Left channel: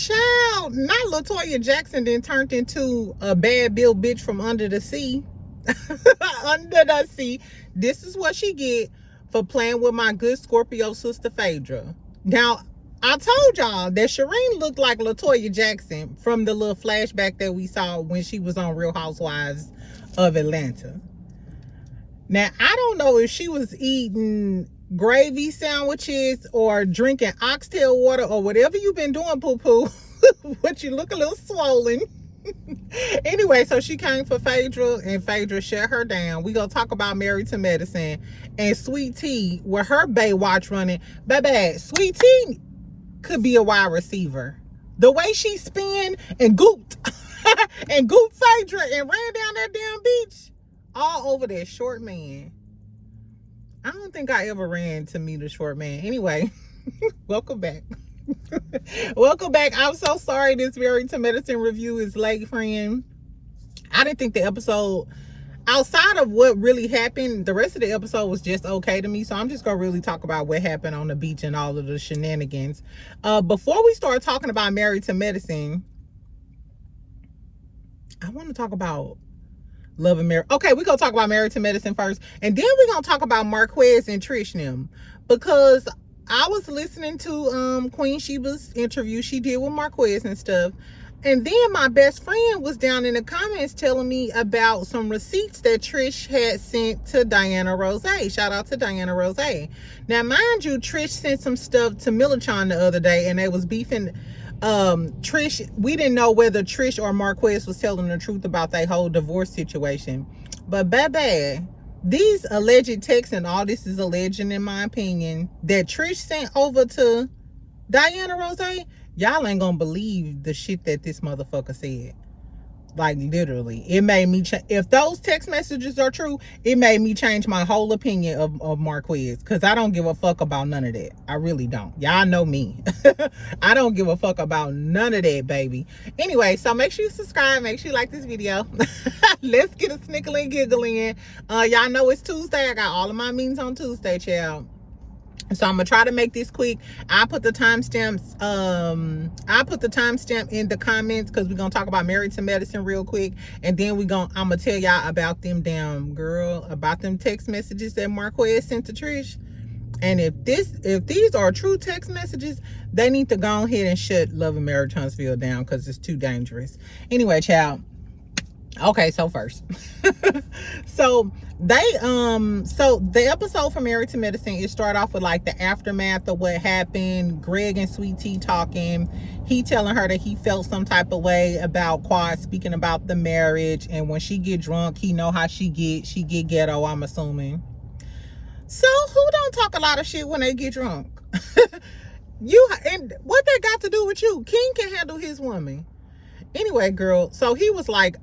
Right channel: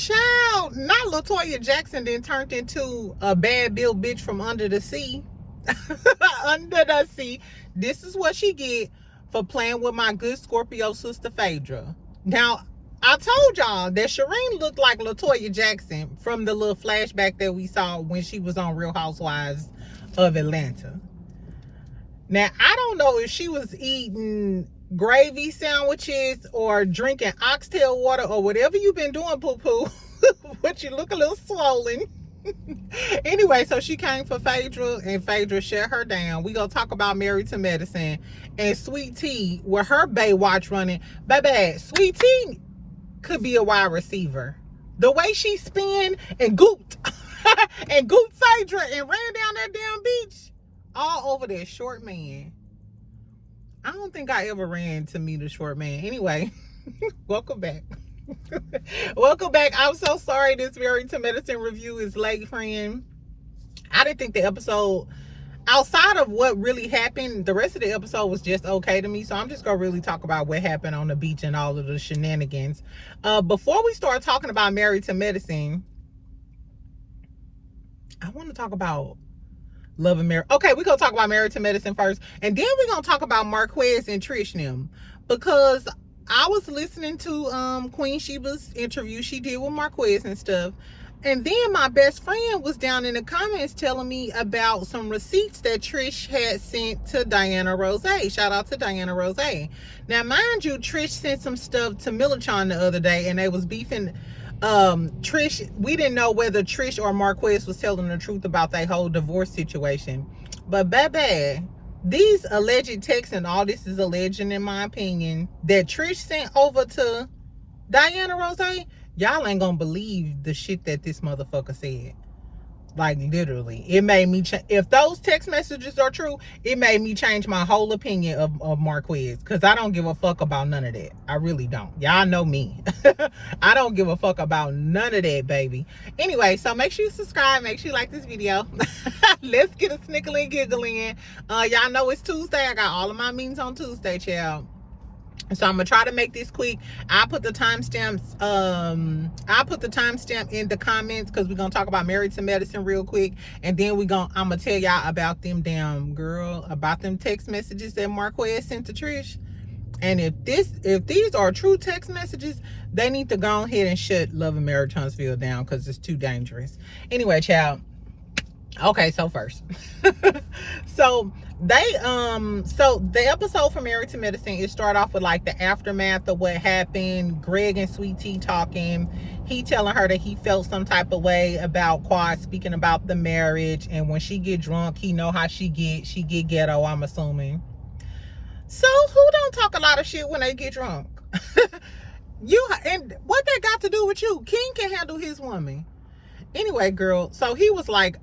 Child, not LaToya Jackson then turned into a bad built bitch from under the sea. Under the sea. This is what she get for playing with my good Scorpio sister Phaedra. Now, I told y'all that Shireen looked like LaToya Jackson from the little flashback that we saw when she was on Real Housewives of Atlanta. Now, I don't know if she was eating gravy sandwiches or drinking oxtail water or whatever you've been doing, poo-poo, but you look a little swollen. Anyway, so she came for Phaedra, and Phaedra shut her down. We gonna talk about Married to Medicine and Sweet Tea with her Baywatch running. Baby, Sweet Tea could be a wide receiver. The way she spin and gooped and gooped Phaedra and ran down that damn beach all over that short man. I don't think I ever ran to meet a short man. Anyway, welcome back. Welcome back. I'm so sorry this Married to Medicine review is late, friend. I didn't think the episode, outside of what really happened, the rest of the episode was just okay to me. So I'm just going to really talk about what happened on the beach and all of the shenanigans. Before we start talking about Married to Medicine, I want to talk about Love and Marriage. Okay, we're going to talk about Married to Medicine first. And then we're going to talk about Marques and Trish and them. Because I was listening to Queen Sheba's interview she did with Marques and stuff. And then my best friend was down in the comments telling me about some receipts that Trish had sent to Diana Rose. Shout out to Diana Rose. Now, mind you, Trish sent some stuff to Millichan the other day, and they was beefing. Trish, we didn't know whether Trish or Marques was telling the truth about their whole divorce situation. But baby, these alleged texts, and all this is alleged in my opinion, that Trish sent over to Diana Rose, y'all ain't gonna believe the shit that this motherfucker said. Like, literally, it made me if those text messages are true, it made me change my whole opinion of Marques, because I don't give a fuck about none of that. I really don't. Y'all know me. I don't give a fuck about none of that, baby. Anyway, so make sure you subscribe, make sure you like this video. Let's get a snickle and giggle in. Y'all know it's Tuesday. I got all of my meetings on Tuesday, child. So I'm gonna try to make this quick. I put the timestamps. I put the timestamp in the comments, because we're gonna talk about Married to Medicine real quick, and then I'm gonna tell y'all about them about them text messages that Marques sent to Trish. And if these are true text messages, they need to go ahead and shut Love and Marriage Huntsville down, because it's too dangerous. Anyway, child. Okay, so first, so the episode for Married to Medicine, it start off with like the aftermath of what happened. Greg and Sweet Tea talking. He telling her that he felt some type of way about Quad speaking about the marriage, and when she get drunk, he know how she get ghetto, I'm assuming. So who don't talk a lot of shit when they get drunk? And what that got to do with you? King can handle his woman. Anyway, girl, so he was like,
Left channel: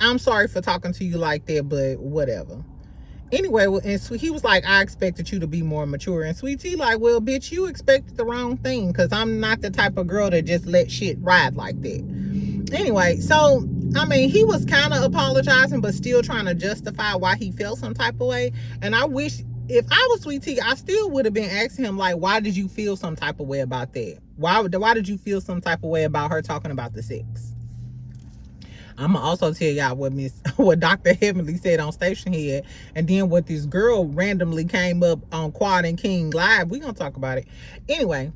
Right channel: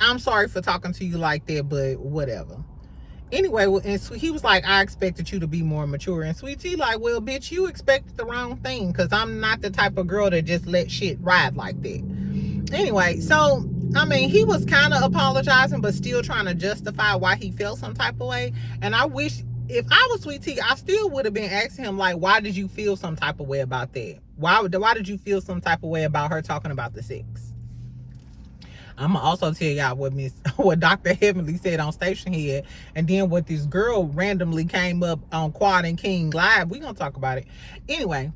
I'm sorry for talking to you like that, but whatever. Anyway, and he was like, I expected you to be more mature. And Sweet Tea like, well, bitch, you expected the wrong thing, because I'm not the type of girl that just let shit ride like that. Anyway, so, I mean, he was kind of apologizing, but still trying to justify why he felt some type of way. And I wish, if I was Sweet Tea, I still would have been asking him, like, why did you feel some type of way about that? Why did you feel some type of way about her talking about the sex? I'm gonna also tell y'all what Dr. Heavenly said on Station Head, and then what this girl randomly came up on Quad and King Live. We gonna talk about it. Anyway,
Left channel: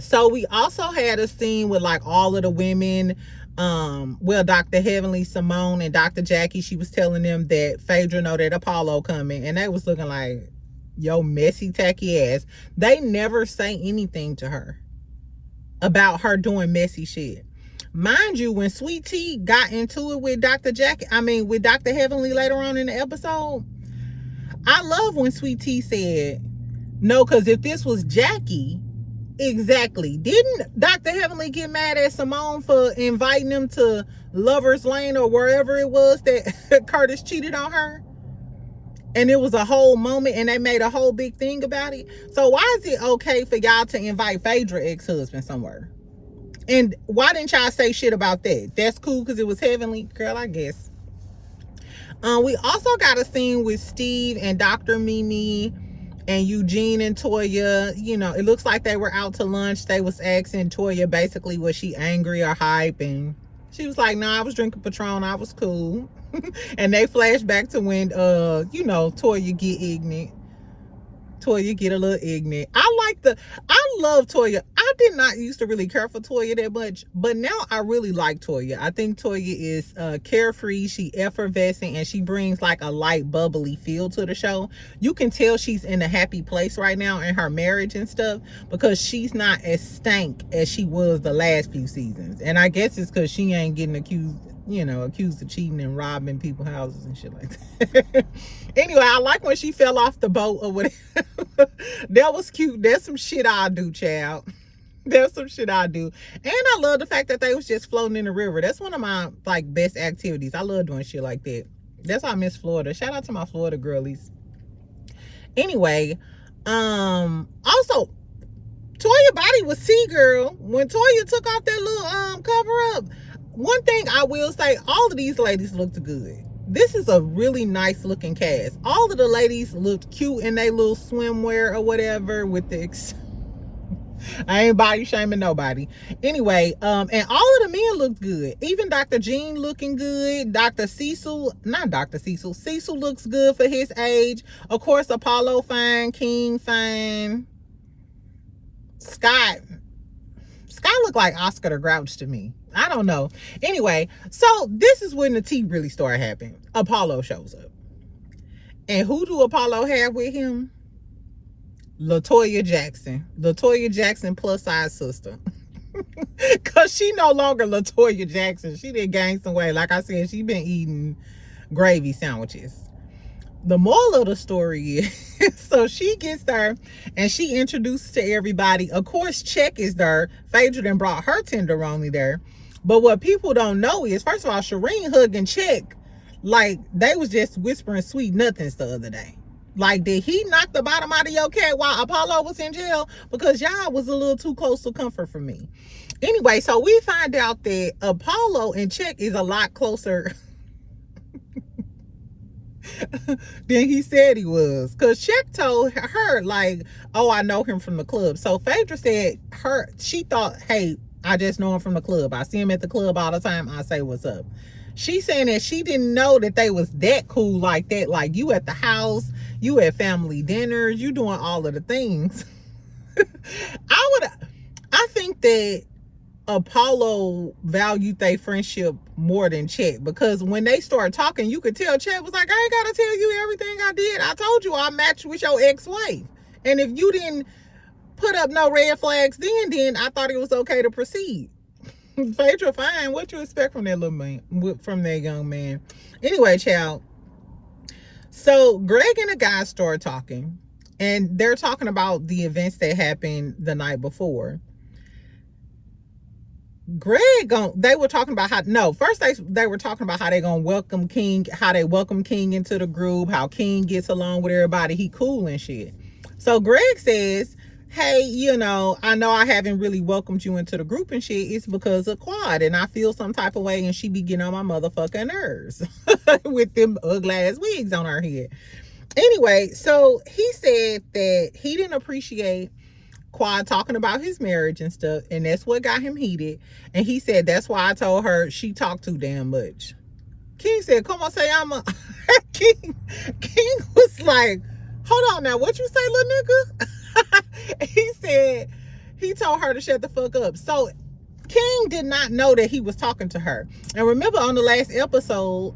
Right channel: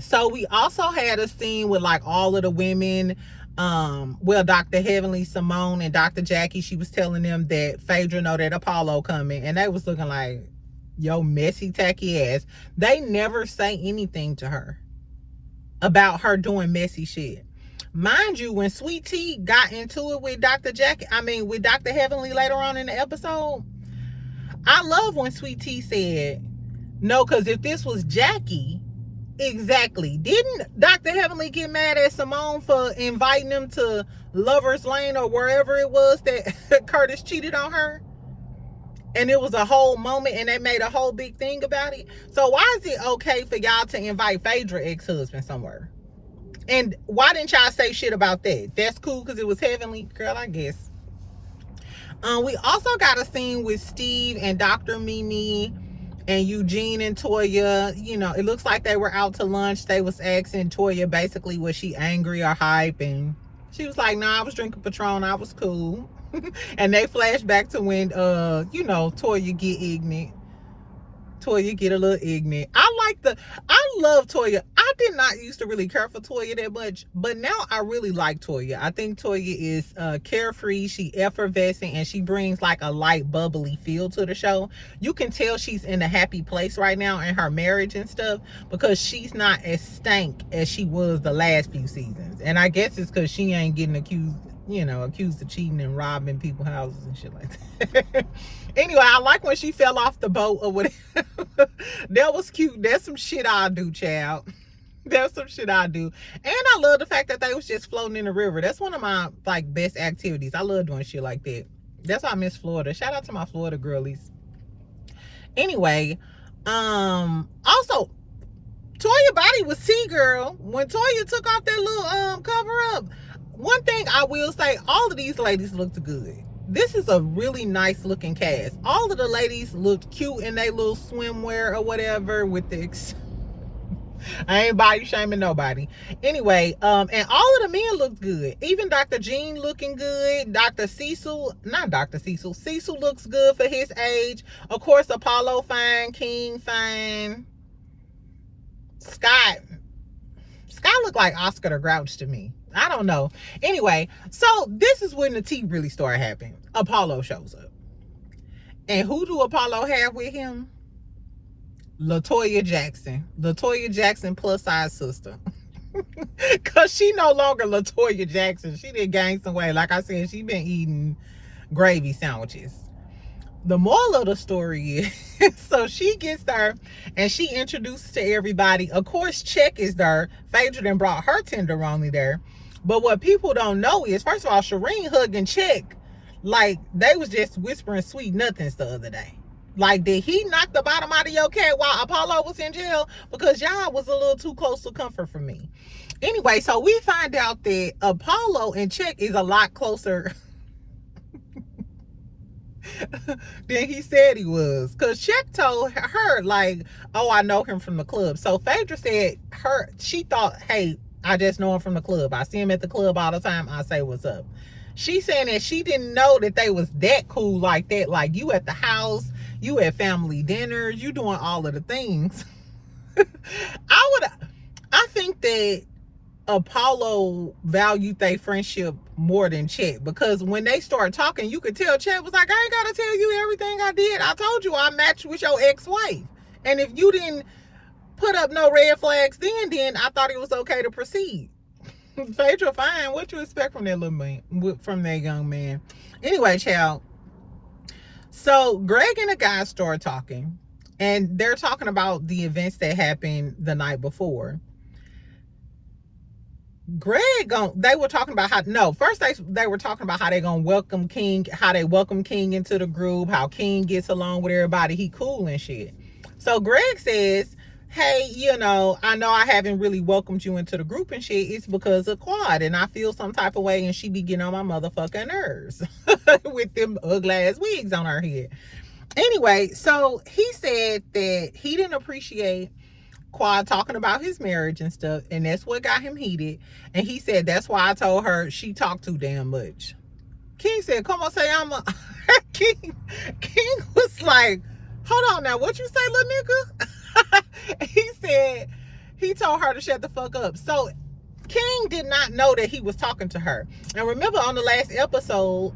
so we also had a scene with like all of the women. Well, Dr. Heavenly, Simone, and Dr. Jackie, she was telling them that Phaedra know that Apollo coming, and they was looking like, yo, messy, tacky ass. They never say anything to her about her doing messy shit. Mind you, when Sweet Tea got into it with Dr. Heavenly later on in the episode, I love when Sweet Tea said, no, because if this was Jackie, exactly. Didn't Dr. Heavenly get mad at Simone for inviting them to Lover's Lane or wherever it was that Curtis cheated on her? And it was a whole moment, and they made a whole big thing about it. So why is it okay for y'all to invite Phaedra ex-husband somewhere? And why didn't y'all say shit about that? That's cool because it was Heavenly. Girl, I guess. We also got a scene with Steve and Dr. Mimi. And Eugene and Toya, it looks like they were out to lunch. They was asking Toya basically, was she angry or hype? And she was like, no, I was drinking Patron. I was cool. And they flashed back to when, Toya get ignorant. Toya get a little ignorant. I love Toya. I did not used to really care for Toya that much, but now I really like Toya. I think Toya is carefree, she effervescent, and she brings like a light, bubbly feel to the show. You can tell she's in a happy place right now in her marriage and stuff, because she's not as stank as she was the last few seasons. And I guess it's because she ain't getting accused of cheating and robbing people's houses and shit like that. Anyway, I like when she fell off the boat or whatever. That was cute. That's some shit I do, child. That's some shit I do. And I love the fact that they was just floating in the river. That's one of my best activities. I love doing shit like that. That's why I miss Florida. Shout out to my Florida girlies. Anyway, also, Toya body was T-girl. When Toya took off that little cover up, one thing I will say, all of these ladies looked good. This is a really nice looking cast. All of the ladies looked cute in their little swimwear or whatever with the I ain't body shaming nobody. Anyway, and all of the men looked good. Even Dr. Jean looking good. Cecil looks good for his age. Of course, Apollo fine, King fine. Scott looked like Oscar the Grouch to me. I don't know. Anyway, so this is when the tea really started happening. Apollo shows up. And who do Apollo have with him? LaToya Jackson. LaToya Jackson plus size sister. Because she no longer LaToya Jackson. She did gain some weight. Like I said, she been eating gravy sandwiches. The moral of the story is, so she gets there and she introduces to everybody. Of course, Check is there. Phaedra done brought her tenderoni there. But what people don't know is, first of all, Shireen hugging Check like they was just whispering sweet nothings the other day. Like, did he knock the bottom out of your cat while Apollo was in jail? Because y'all was a little too close to comfort for me. Anyway, so we find out that Apollo and Check is a lot closer than he said he was. Because Check told her, like, oh, I know him from the club. So Phaedra said she thought, hey, I just know him from the club. I see him at the club all the time. I say what's up. She's saying that she didn't know that they was that cool like that. Like, you at the house, you at family dinners, you doing all of the things. I think that Apollo valued their friendship more than Chet, because when they started talking, you could tell Chet was like, I ain't gotta tell you everything I did. I told you I matched with your ex-wife. And if you didn't put up no red flags then I thought it was okay to proceed. Phaedra, fine. What you expect from that little man, from that young man? Anyway, child. So Greg and the guys start talking, and they're talking about the events that happened the night before. They were talking about first they were talking about how they gonna welcome King, how they welcome King into the group, how King gets along with everybody, he cool and shit. So Greg says, hey, I know I haven't really welcomed you into the group and shit. It's because of Quad, and I feel some type of way, and she be getting on my motherfucking nerves with them ugly ass wigs on her head. Anyway, so he said that he didn't appreciate Quad talking about his marriage and stuff, and that's what got him heated. And he said that's why I told her she talked too damn much. King said, come on, say I'm a King was like, hold on now, what you say, little nigga? He said he told her to shut the fuck up. So King did not know that he was talking to her. And remember on the last episode,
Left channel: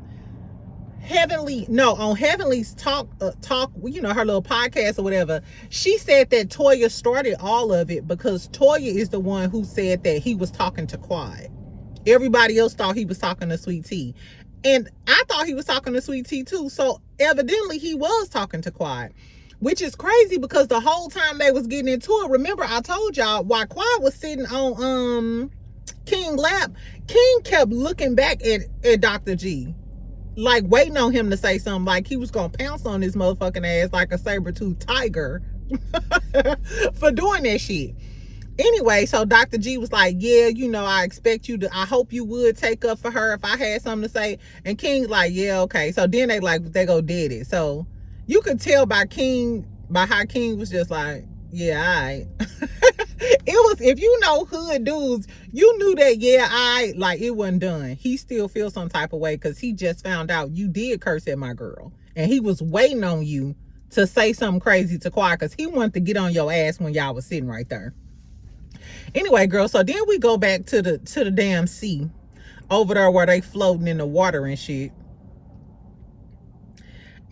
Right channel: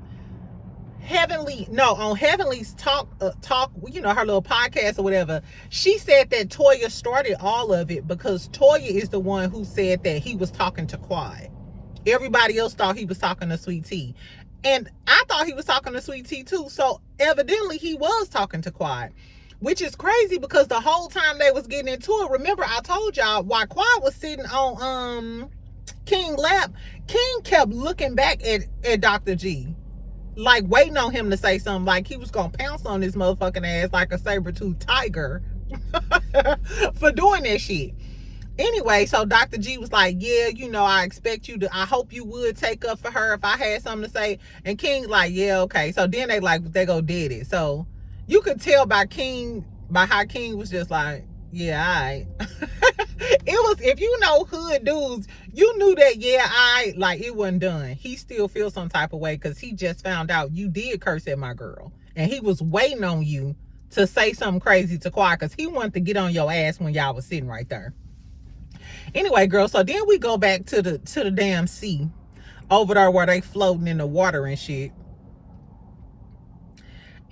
on Heavenly's talk, her little podcast or whatever, she said that Toya started all of it because Toya is the one who said that he was talking to Quad. Everybody else thought he was talking to Sweet Tea. And I thought he was talking to Sweet Tea too. So evidently he was talking to Quad. Which is crazy because the whole time they was getting into it, remember I told y'all while Quad was sitting on King's lap, King kept looking back at Dr. G, like waiting on him to say something, like he was gonna pounce on his motherfucking ass like a saber-toothed tiger for doing that shit. Anyway, so Dr. G was like, yeah, I expect you to, I hope you would take up for her if I had something to say. And King's like, yeah, okay. So then they go did it. So you could tell by King By how King was just like, yeah, all right. It was, if you know hood dudes, you knew that, yeah, like it wasn't done. He still feels some type of way because he just found out you did curse at my girl. And he was waiting on you to say something crazy to Quad because he wanted to get on your ass when y'all was sitting right there. Anyway, girl, so then we go back to the damn sea over there where they floating in the water and shit.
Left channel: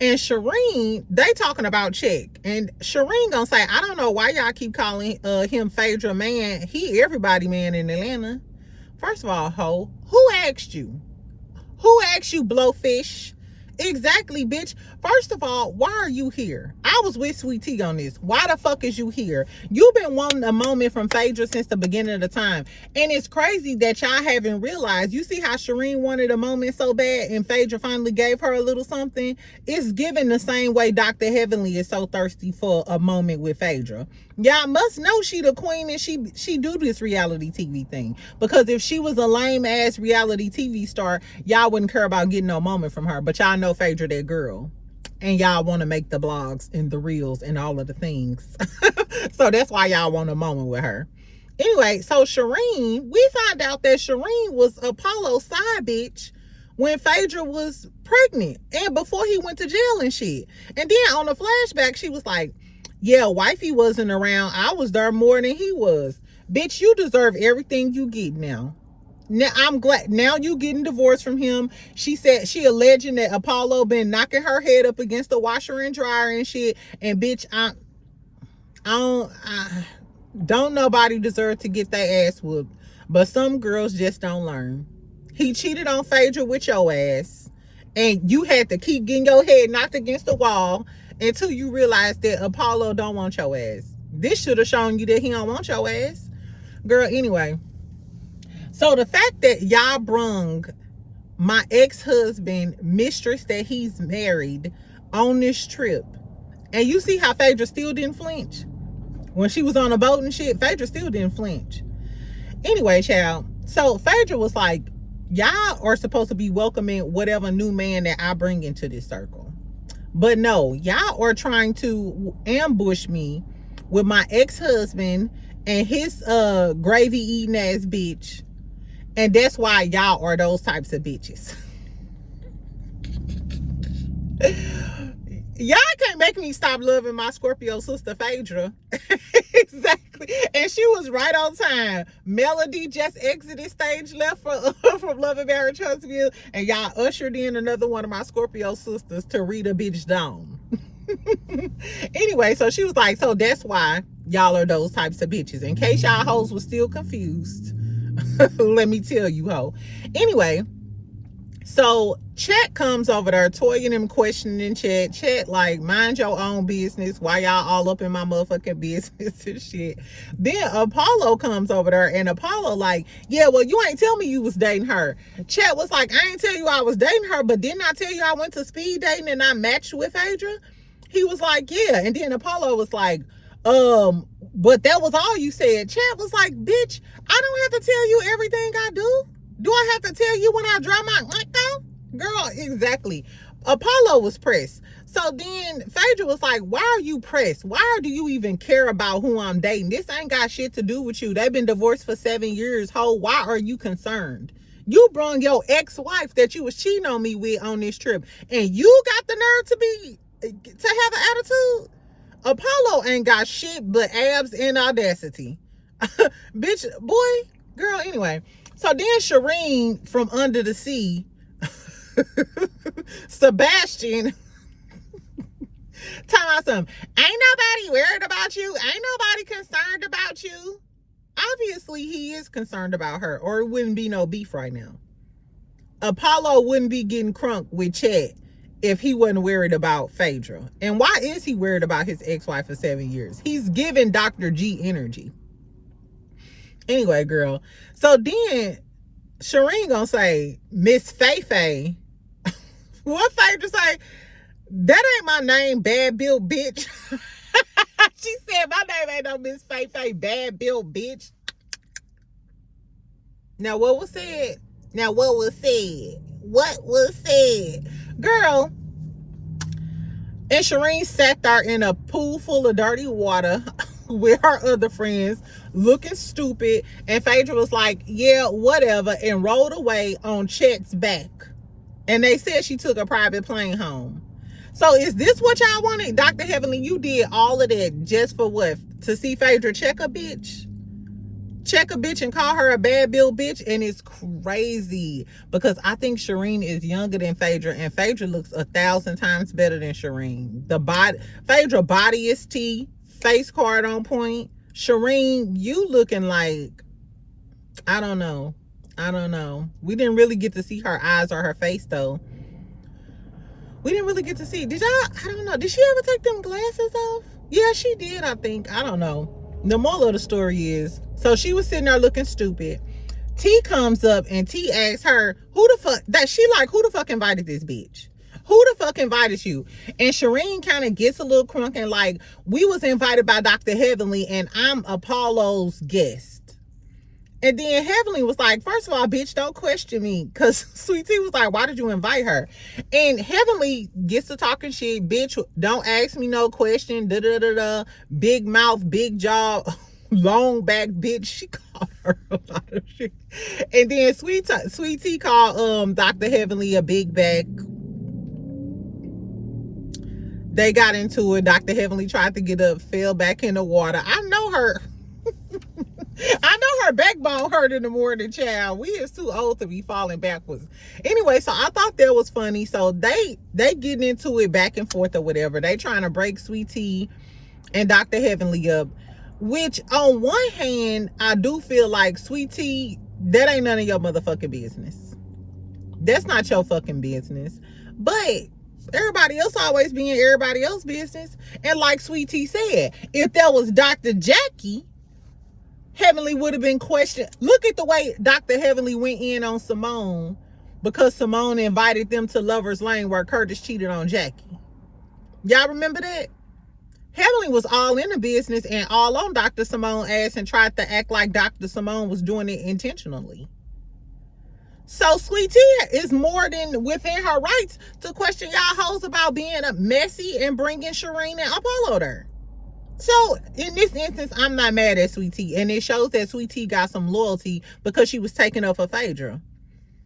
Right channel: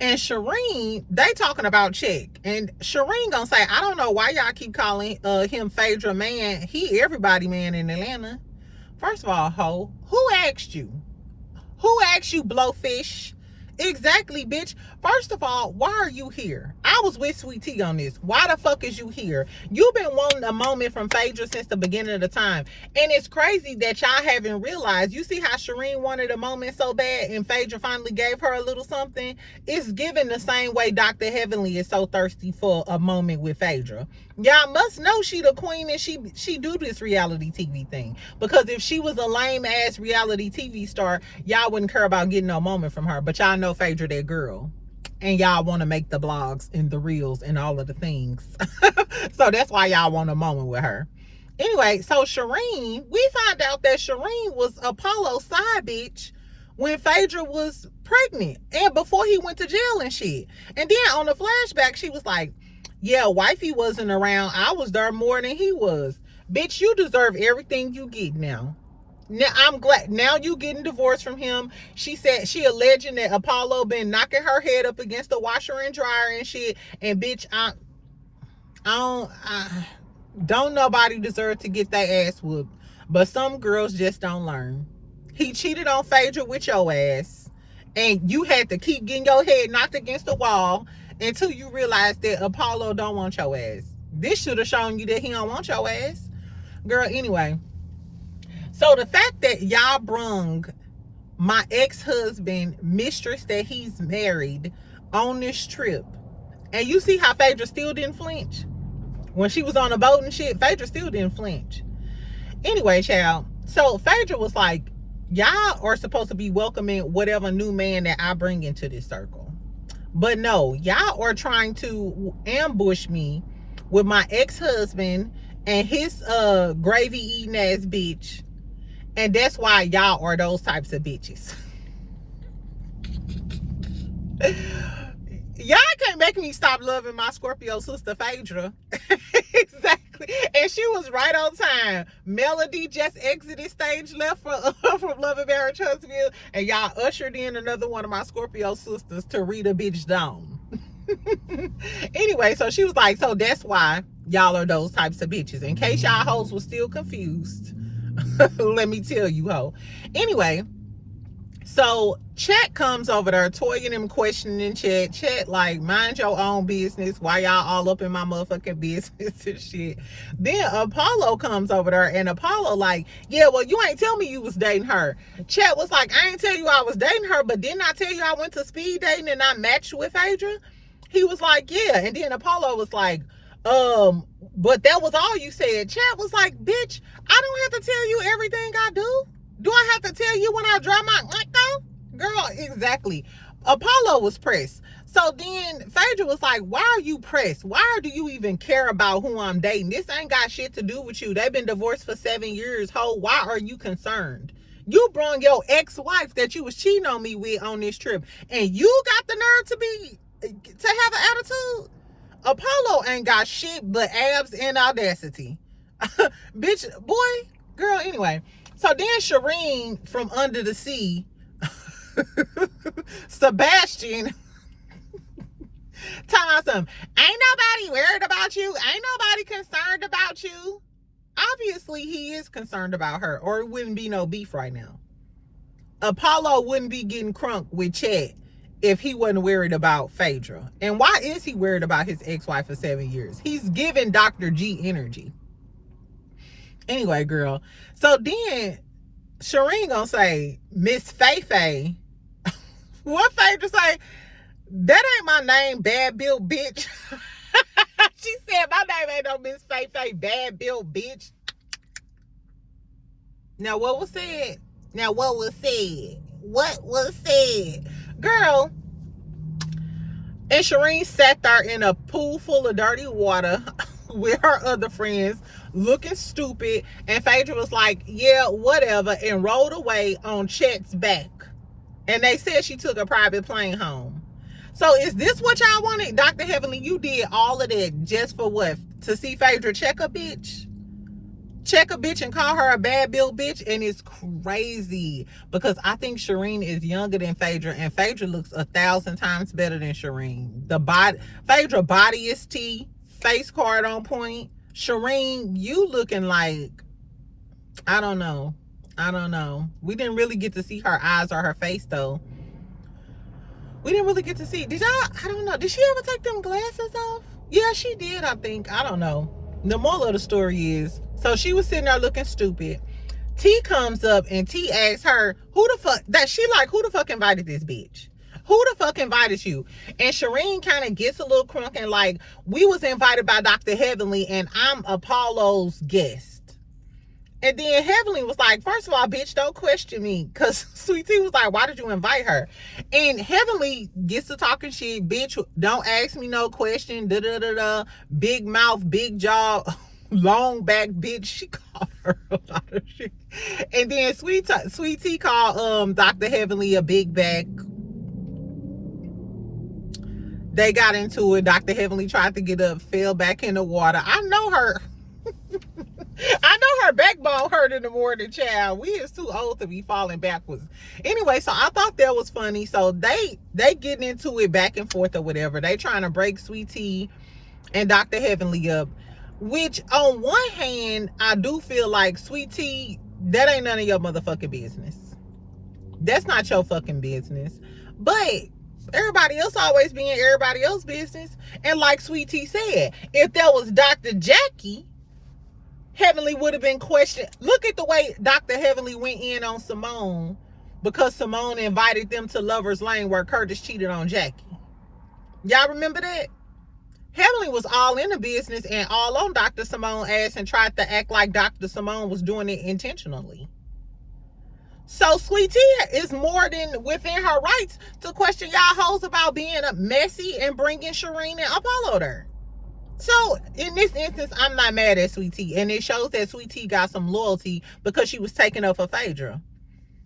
And Shireen, they talking about Check. And Shireen gonna say, I don't know why y'all keep calling him Phaedra man. He everybody man in Atlanta. First of all, ho, who asked you? Who asked you, Blowfish? Exactly, bitch. First of all, why are you here? I was with Sweet Tea on this. Why the fuck is you here? You've been wanting a moment from Phaedra since the beginning of the time. And it's crazy that y'all haven't realized. You see how Shireen wanted a moment so bad and Phaedra finally gave her a little something? It's given the same way Dr. Heavenly is so thirsty for a moment with Phaedra. Y'all must know she the queen and she do this reality TV thing. Because if she was a lame ass reality TV star, y'all wouldn't care about getting no moment from her. But y'all know Phaedra that girl. And y'all want to make the blogs and the reels and all of the things. So that's why y'all want a moment with her. Anyway, so Shireen, we find out that Shireen was Apollo's side bitch when Phaedra was pregnant and before he went to jail and shit. And then on the flashback, she was like, yeah, wifey wasn't around. I was there more than he was. Bitch, you deserve everything you get now. Now I'm glad now you getting divorced from him. She said she alleging that Apollo been knocking her head up against the washer and dryer and shit. And bitch, I don't nobody deserve to get their ass whooped. But some girls just don't learn. He cheated on Phaedra with your ass. And you had to keep getting your head knocked against the wall until you realized that Apollo don't want your ass. This should have shown you that he don't want your ass. Girl, anyway. So the fact that y'all brung my ex-husband, mistress that he's married, on this trip, and you see how Phaedra still didn't flinch? When she was on a boat and shit, Phaedra still didn't flinch. Anyway, child, so Phaedra was like, y'all are supposed to be welcoming whatever new man that I bring into this circle. But no, y'all are trying to ambush me with my ex-husband and his gravy-eating ass bitch. And that's why y'all are those types of bitches. Y'all can't make me stop loving my Scorpio sister Phaedra. Exactly. And she was right on time. Melody just exited stage left from Love and Marriage Huntsville. And y'all ushered in another one of my Scorpio sisters to read a bitch down. Anyway, so she was like, so that's why y'all are those types of bitches. In case y'all hoes was still confused. Let me tell you, ho. Anyway, so Chet comes over there, toying him, questioning Chet. Chet, like, mind your own business. Why y'all all up in my motherfucking business and shit? Then Apollo comes over there, and Apollo like, yeah, well, you ain't tell me you was dating her. Chet was like, I ain't tell you I was dating her, but didn't I tell you I went to speed dating and I matched with Phaedra? He was like, yeah. And then Apollo was like, but that was all you said. Chet was like, bitch, I don't have to tell you everything I do. Do I have to tell you when I dry my girl? Exactly. Apollo was pressed. So then Phaedra was like, why are you pressed? Why do you even care about who I'm dating? This ain't got shit to do with you. They've been divorced for 7 years. Ho, why are you concerned? You brung your ex-wife that you was cheating on me with on this trip, and you got the nerve to have an attitude? Apollo ain't got shit but abs and audacity. Bitch, boy, girl, anyway. So then Shireen from under the sea, Sebastian, tell us something. Ain't nobody worried about you. Ain't nobody concerned about you. Obviously, he is concerned about her, or it wouldn't be no beef right now. Apollo wouldn't be getting crunk with Chet if he wasn't worried about Phaedra. And why is he worried about his ex-wife for 7 years? He's giving Dr. G energy. Anyway, girl. So then Shireen gonna say, Miss Faye. What Phaedra say? That ain't my name, bad built bitch. She said, my name ain't no Miss Faye, bad built bitch. Now what was said? What was said? Girl, And Shireen sat there in a pool full of dirty water with her other friends looking stupid. And Phaedra was like, yeah, whatever, and rode away on Chet's back. And they said she took a private plane home. So is this what y'all wanted? Dr. Heavenly, you did all of that just for what? To see Phaedra check a bitch? Check a bitch and call her a bad Built bitch? And it's crazy because I think Shireen is younger than Phaedra, and Phaedra looks 1,000 times better than Shireen. Phaedra body is T, face card on point. Shireen, you looking like, I don't know. We didn't really get to see her eyes or her face though. We didn't really get to see. I don't know. Did she ever take them glasses off? Yeah, she did, I think. I don't know. The moral of the story is, so she was sitting there looking stupid. T comes up and T asks her, who the fuck invited this bitch? Who the fuck invited you? And Shireen kind of gets a little crunk and like, we was invited by Dr. Heavenly and I'm Apollo's guest. And then Heavenly was like, first of all, bitch, don't question me. Because Sweet Tea was like, why did you invite her? And Heavenly gets to talking shit. Bitch, don't ask me no question. Big mouth, big jaw, long back bitch. She called her a lot of shit. And then Sweet Tea called Dr. Heavenly a big back. They got into it. Dr. Heavenly tried to get up, fell back in the water. I know her. I know her backbone hurt in the morning, child. We is too old to be falling backwards. Anyway, so I thought that was funny. So they getting into it back and forth or whatever. They trying to break Sweet Tea and Dr. Heavenly up. Which on one hand, I do feel like Sweet Tea, that ain't none of your motherfucking business. That's not your fucking business. But everybody else always being everybody else's business. And like Sweet Tea said, if that was Dr. Jackie, Heavenly would have been questioned. Look at the way Dr. Heavenly went in on Simone because Simone invited them to Lover's Lane where Curtis cheated on Jackie. Y'all remember that? Heavenly was all in the business and all on Dr. Simone's ass and tried to act like Dr. Simone was doing it intentionally. So Sweet Tea is more than within her rights to question y'all hoes about being messy and bringing Shireen and Apollo there. So in this instance, I'm not mad at Sweet Tea, and it shows that Sweet Tea got some loyalty because she was taking up for Phaedra,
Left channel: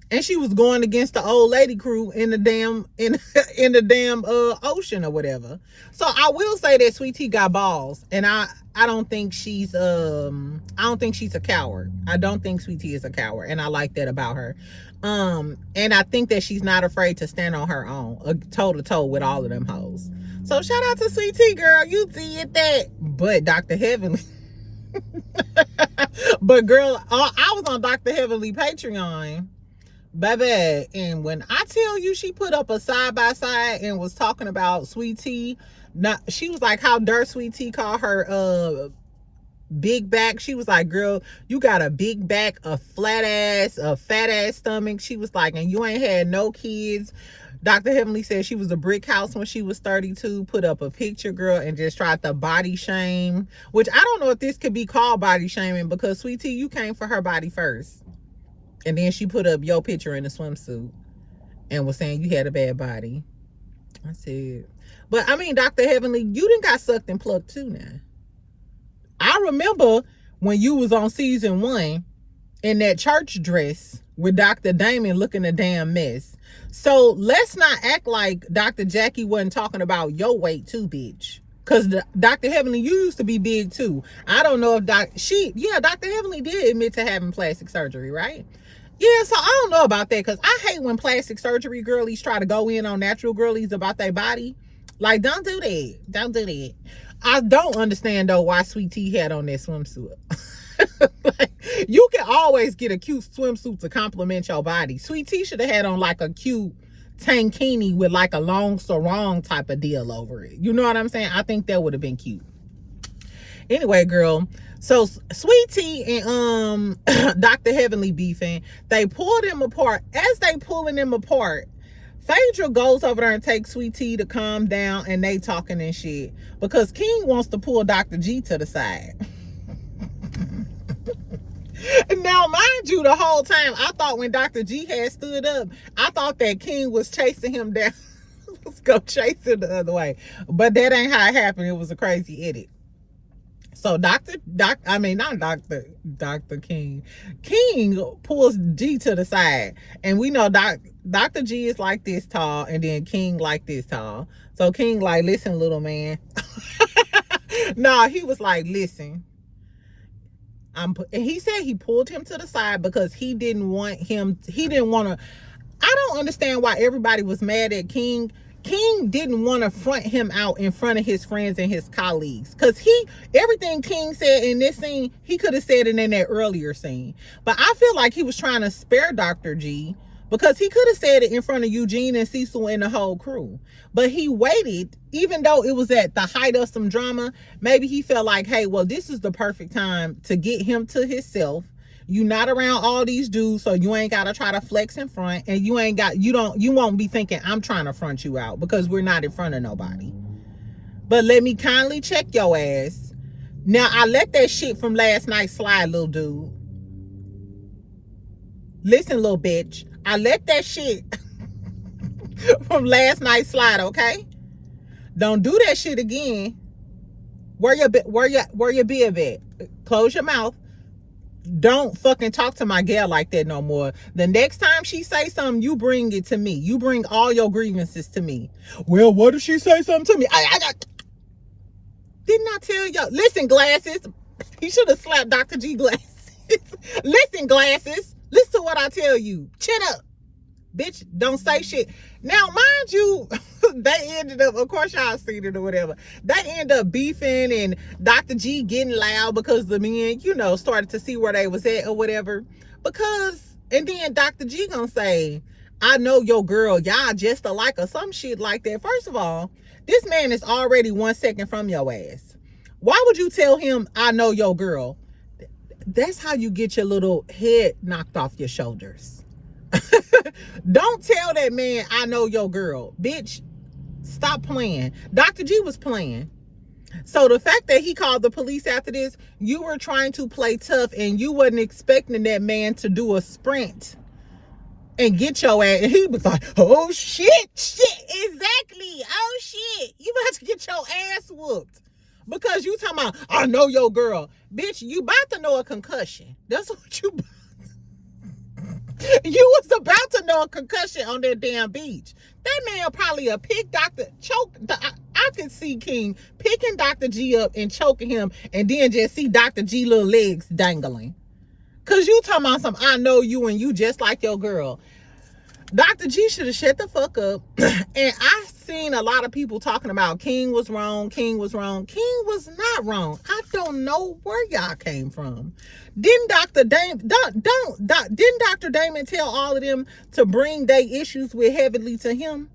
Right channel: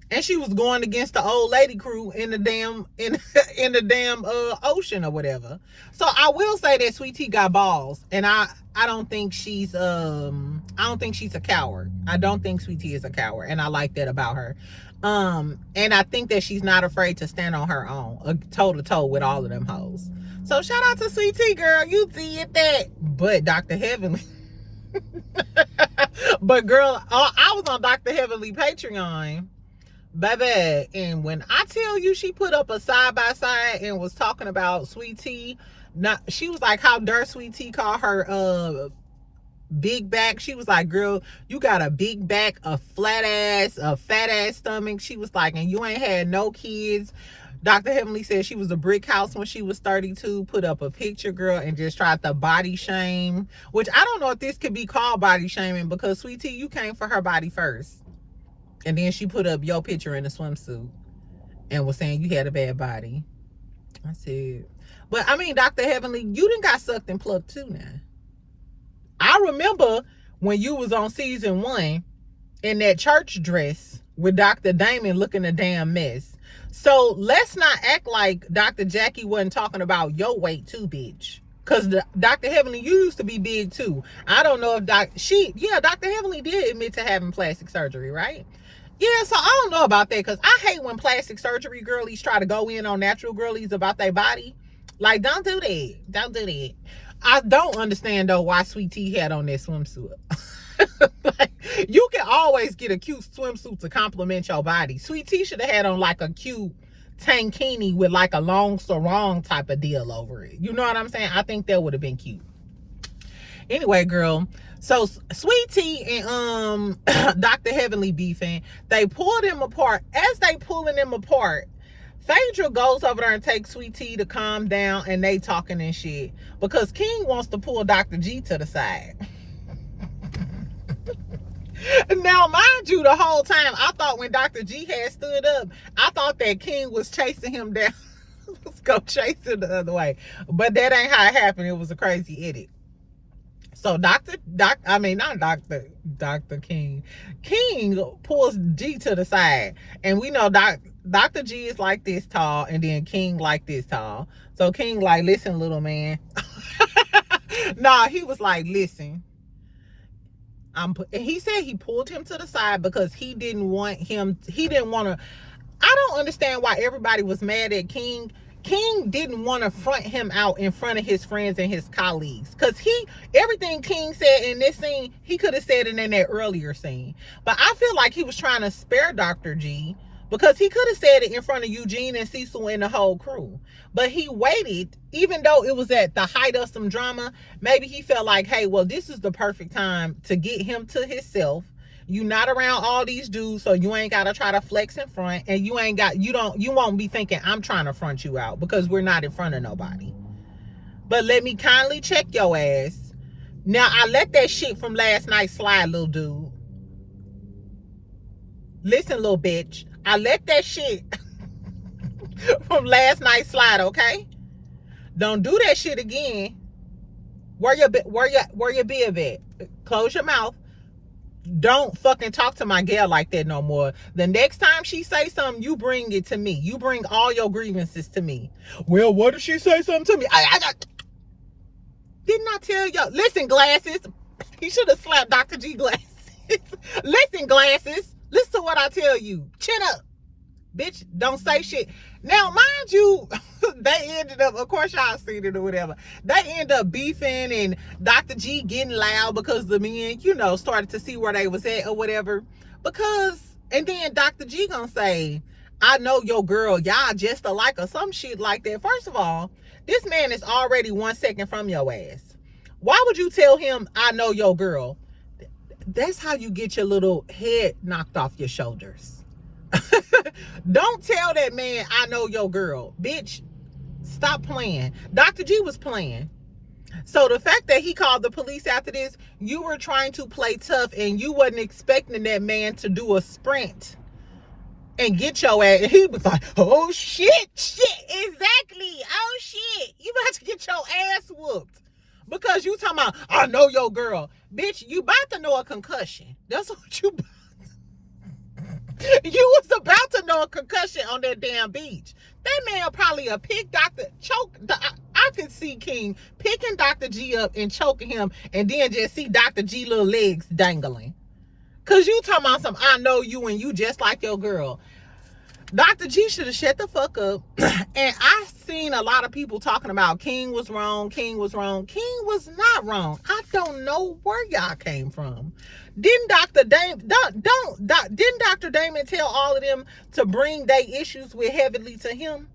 and she was going against the old lady crew in the damn ocean or whatever. So I will say that Sweet Tea got balls, and I don't think she's a coward. I don't think Sweet Tea is a coward, and I like that about her. And I think that she's not afraid to stand on her own, toe to toe with all of them hoes. So shout out to Sweet Tea, girl. You did that. But Dr. Heavenly. But girl, I was on Dr. Heavenly Patreon, baby. And when I tell you she put up a side-by-side and was talking about Sweet Tea, she was like, how dare Sweet Tea call her big back. She was like, girl, you got a big back, a flat ass, a fat ass stomach. She was like, and you ain't had no kids. Dr. Heavenly said she was a brick house when she was 32, put up a picture, girl, and just tried to body shame, which I don't know if this could be called body shaming because, Sweet Tea, you came for her body first. And then she put up your picture in a swimsuit and was saying you had a bad body. I said, but I mean, Dr. Heavenly, you done got sucked and plucked too now. I remember when you was on season 1 in that church dress with Dr. Damon looking a damn mess. So let's not act like Dr. Jackie wasn't talking about your weight too, bitch. Because Dr. Heavenly, you used to be big too. I don't know if Dr. Heavenly did admit to having plastic surgery, right? Yeah, so I don't know about that because I hate when plastic surgery girlies try to go in on natural girlies about their body. Like, don't do that. Don't do that. I don't understand though why Sweet Tea had on that swimsuit. Like, you can always get a cute swimsuit to compliment your body. Sweet Tea should have had on like a cute tankini with like a long sarong type of deal over it. You know what I'm saying? I think that would have been cute. Anyway, girl, so Sweet Tea and Dr. Heavenly beefing. They pull them apart. As they pulling them apart, Phaedra goes over there and takes Sweet Tea to calm down, and they talking and shit because King wants to pull Dr. G to the side. Now, mind you, the whole time, I thought when Dr. G had stood up, I thought that King was chasing him down was gonna chase it the other way. But that ain't how it happened. It was a crazy edit. So Dr. King. King pulls G to the side. And we know Dr. G is like this tall, and then King like this tall. So King like, listen, little man. No, he was like, listen. And he said he pulled him to the side because he didn't want to. I don't understand why everybody was mad at King. King didn't want to front him out in front of his friends and his colleagues, because everything King said in this scene, he could have said it in that earlier scene. But I feel like he was trying to spare Dr. G, because he could have said it in front of Eugene and Cecil and the whole crew. But he waited, even though it was at the height of some drama. Maybe he felt like, hey, well, this is the perfect time to get him to himself. You not around all these dudes, so you ain't gotta try to flex in front, and you won't be thinking I'm trying to front you out, because we're not in front of nobody. But let me kindly check your ass. Now, I let that shit from last night slide, little dude. Listen, little bitch. I let that shit from last night slide, okay? Don't do that shit again. Where your bib at? Close your mouth. Don't fucking talk to my gal like that no more. The next time she say something, you bring it to me. You bring all your grievances to me. Well, what if she say something to me? Didn't I tell you? Listen, glasses. He should have slapped Dr. G glasses. Listen, glasses. Listen to what I tell you. Chin up. Bitch, don't say shit. Now, mind you, they ended up, of course y'all seen it or whatever, they end up beefing, and Dr. G getting loud because the men, started to see where they was at or whatever. And then Dr. G gonna say, I know your girl, y'all just alike, or some shit like that. First of all, this man is already 1 second from your ass. Why would you tell him, I know your girl? That's how you get your little head knocked off your shoulders. Don't tell that man, I know your girl. Bitch, stop playing. Dr. G was playing. So the fact that he called the police after this, you were trying to play tough, and you wasn't expecting that man to do a sprint and get your ass. And he was like, oh shit, exactly. Oh shit, you about to get your ass whooped because you talking about, I know your girl. Bitch, you about to know a concussion. That's what you You was about to know a concussion on that damn beach. That man probably I could see King picking Dr. G up and choking him, and then just see Dr. G little legs dangling. Cause you talking about some, I know you and you just like your girl. Dr. G should have shut the fuck up. And I seen a lot of people talking about King was wrong. King was not wrong. I don't know where y'all came from. Didn't Dr. Damon tell all of them to bring their issues with heavily to him?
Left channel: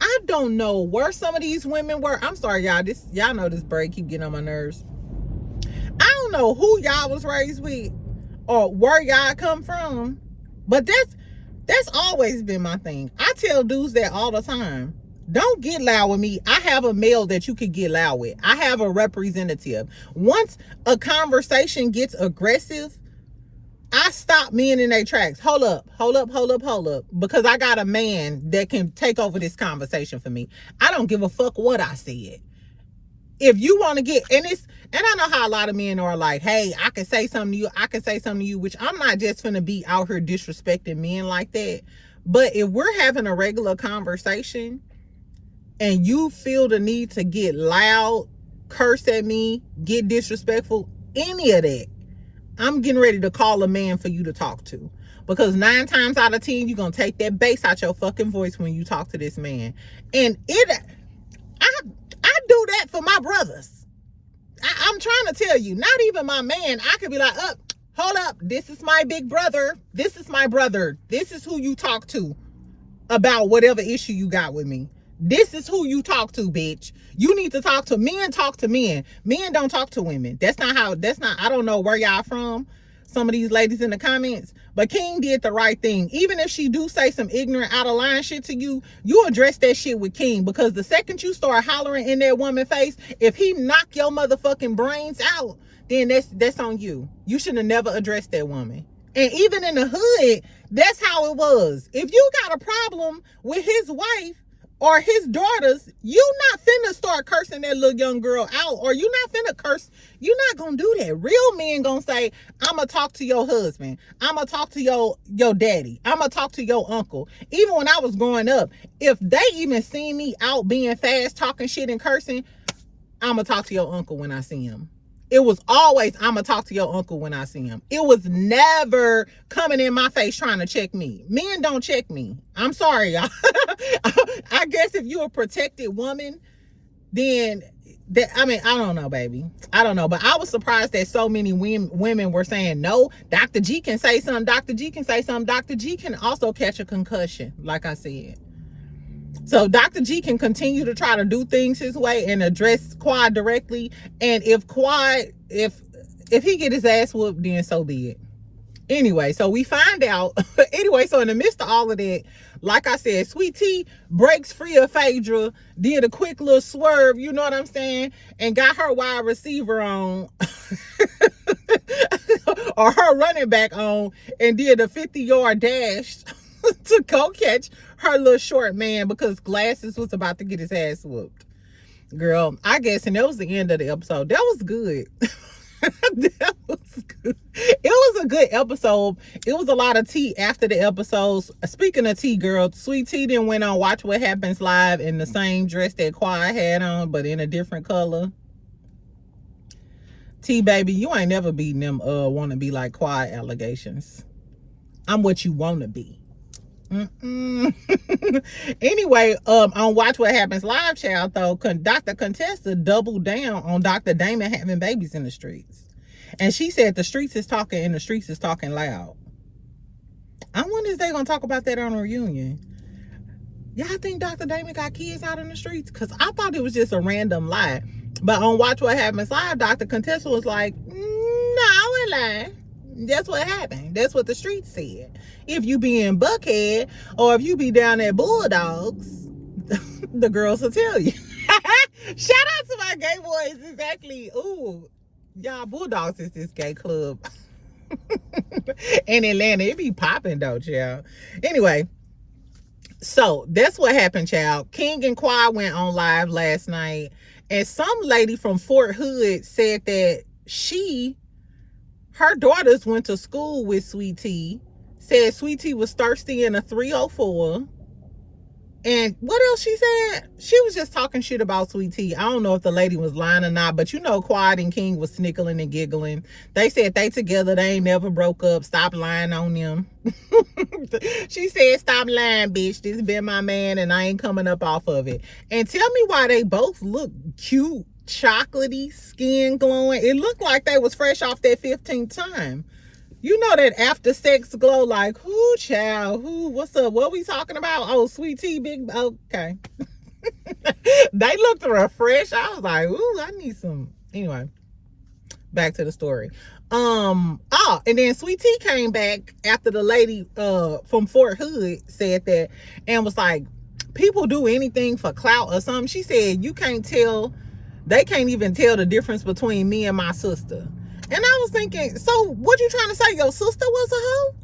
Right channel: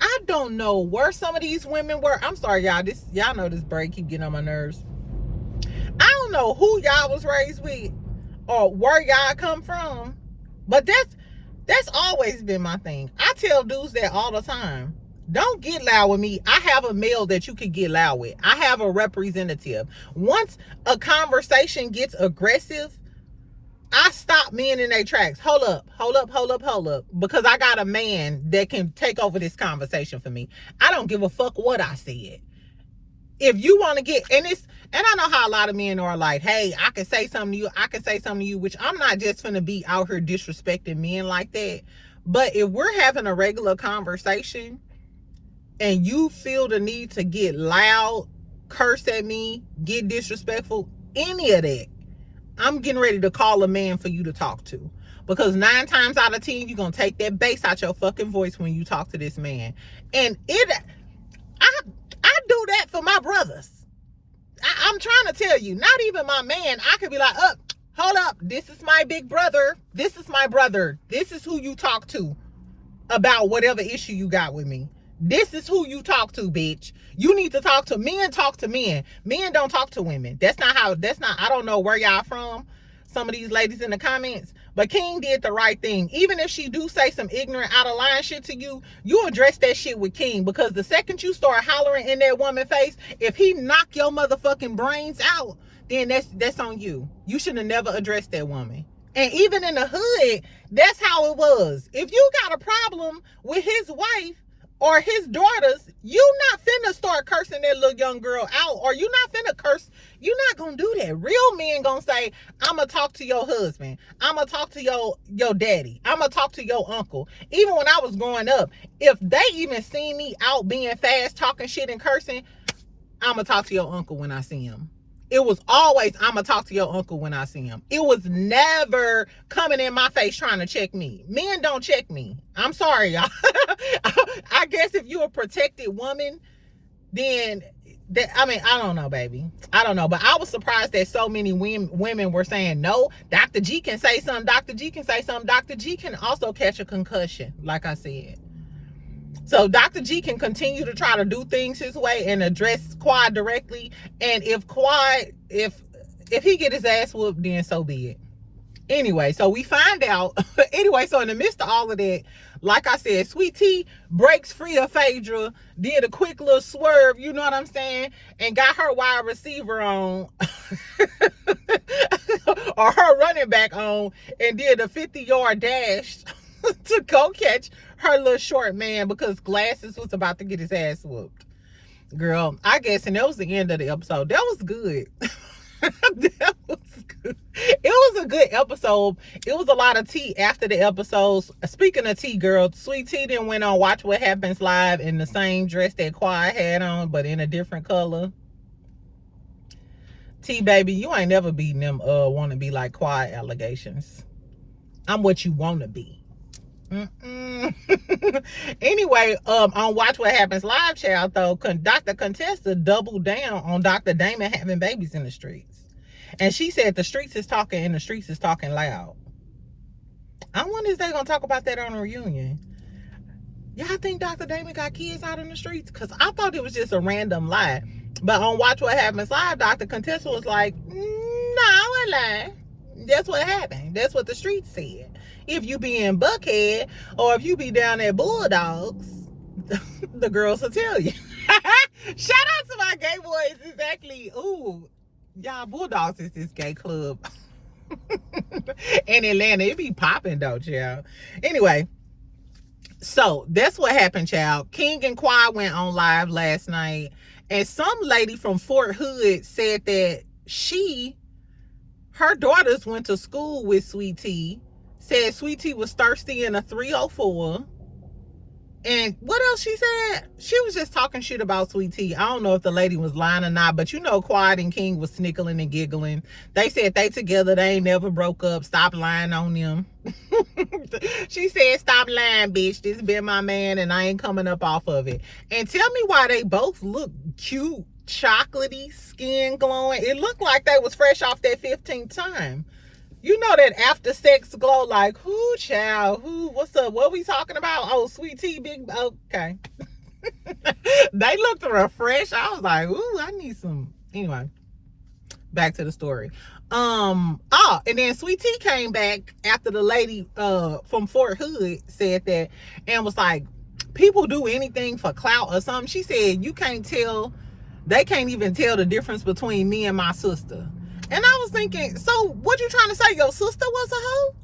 I don't know where some of these women were. I'm sorry, y'all. Y'all know this break keep getting on my nerves. I don't know who y'all was raised with or where y'all come from, but that's always been my thing. I tell dudes that all the time. Don't get loud with me. I have a male that you could get loud with. I have a representative. Once a conversation gets aggressive, I stop men in their tracks. Hold up. Because I got a man that can take over this conversation for me. I don't give a fuck what I said. If you want to get, and I know how a lot of men are like, hey, I can say something to you, which I'm not just finna be out here disrespecting men like that. But if we're having a regular conversation, and you feel the need to get loud, curse at me, get disrespectful, any of that, I'm getting ready to call a man for you to talk to. Because 9 times out of 10, you're going to take that bass out your fucking voice when you talk to this man. And I do that for my brothers. I'm trying to tell you, not even my man, I could be like, hold up, this is my big brother. This is my brother. This is who you talk to about whatever issue you got with me. This is who you talk to, bitch. You need to talk to men. Men don't talk to women. I don't know where y'all from, some of these ladies in the comments, but King did the right thing. Even if she do say some ignorant, out of line shit to you, you address that shit with King, because the second you start hollering in that woman's face, if he knock your motherfucking brains out, then that's on you. You should have never addressed that woman. And even in the hood, that's how it was. If you got a problem with his wife, or his daughters, you not finna start cursing that little young girl out, or you not finna curse. You not gonna do that. Real men gonna say, I'm gonna talk to your husband. I'm gonna talk to your daddy. I'm gonna talk to your uncle. Even when I was growing up, if they even see me out being fast, talking shit and cursing, I'm gonna talk to your uncle when I see him. It was always, I'm gonna talk to your uncle when I see him. It was never coming in my face trying to check me. Men don't check me. I'm sorry, y'all. I guess if you're a protected woman, then I don't know, baby. I don't know. But I was surprised that so many women were saying, no, Dr. G can say something. Dr. G can say something. Dr. G can also catch a concussion, like I said. So Dr. G can continue to try to do things his way and address Quad directly. And if Quad, if he get his ass whooped, then so be it. Anyway, so we find out. Anyway, so in the midst of all of that, like I said, Sweet Tea breaks free of Phaedra, did a quick little swerve, you know what I'm saying? And got her wide receiver on, or her running back on, and did a 50-yard dash to go catch her little short man because Glasses was about to get his ass whooped. Girl, I guess, and that was the end of the episode. That was good. That was good. It was a good episode. It was a lot of tea after the episodes. Speaking of tea, girl, Sweet Tea then went on Watch What Happens Live in the same dress that Quad had on, but in a different color. Tea, baby, you ain't never beating them want to be like Quad allegations. I'm what you want to be. Anyway, on Watch What Happens Live, child, though, Dr. Contessa doubled down on Dr. Damon having babies in the streets. And she said the streets is talking and the streets is talking loud. I wonder if they're going to talk about that on a reunion. Y'all think Dr. Damon got kids out in the streets? Because I thought it was just a random lie. But on Watch What Happens Live, Dr. Contessa was like, no, I lie. That's what happened. That's what the streets said. If you be in Buckhead or if you be down at Bulldogs, the girls will tell you. Shout out to my gay boys. Exactly. Ooh, y'all, Bulldogs is this gay club in Atlanta. It be popping though, child. Anyway, so that's what happened, child. King and Quad went on live last night, and some lady from Fort Hood said that her daughters went to school with Sweet Tea. Said Sweet Tea was thirsty in a 304. And what else she said? She was just talking shit about Sweet Tea. I don't know if the lady was lying or not, but you know Quad and King was snickling and giggling. They said they together, they ain't never broke up. Stop lying on them. She said, stop lying, bitch. This been my man and I ain't coming up off of it. And tell me why they both look cute, chocolatey, skin glowing. It looked like they was fresh off that 15th time. You know that after sex glow, like, who, child, who, what's up, what we talking about? Oh, Sweet Tea, big, okay. They looked refreshed. I was like, ooh, I need some. Anyway, back to the story. And then Sweet Tea came back after the lady from Fort Hood said that and was like, people do anything for clout or something. She said, they can't even tell the difference between me and my sister. And I was thinking, so what you trying to say? Your sister was a hoe?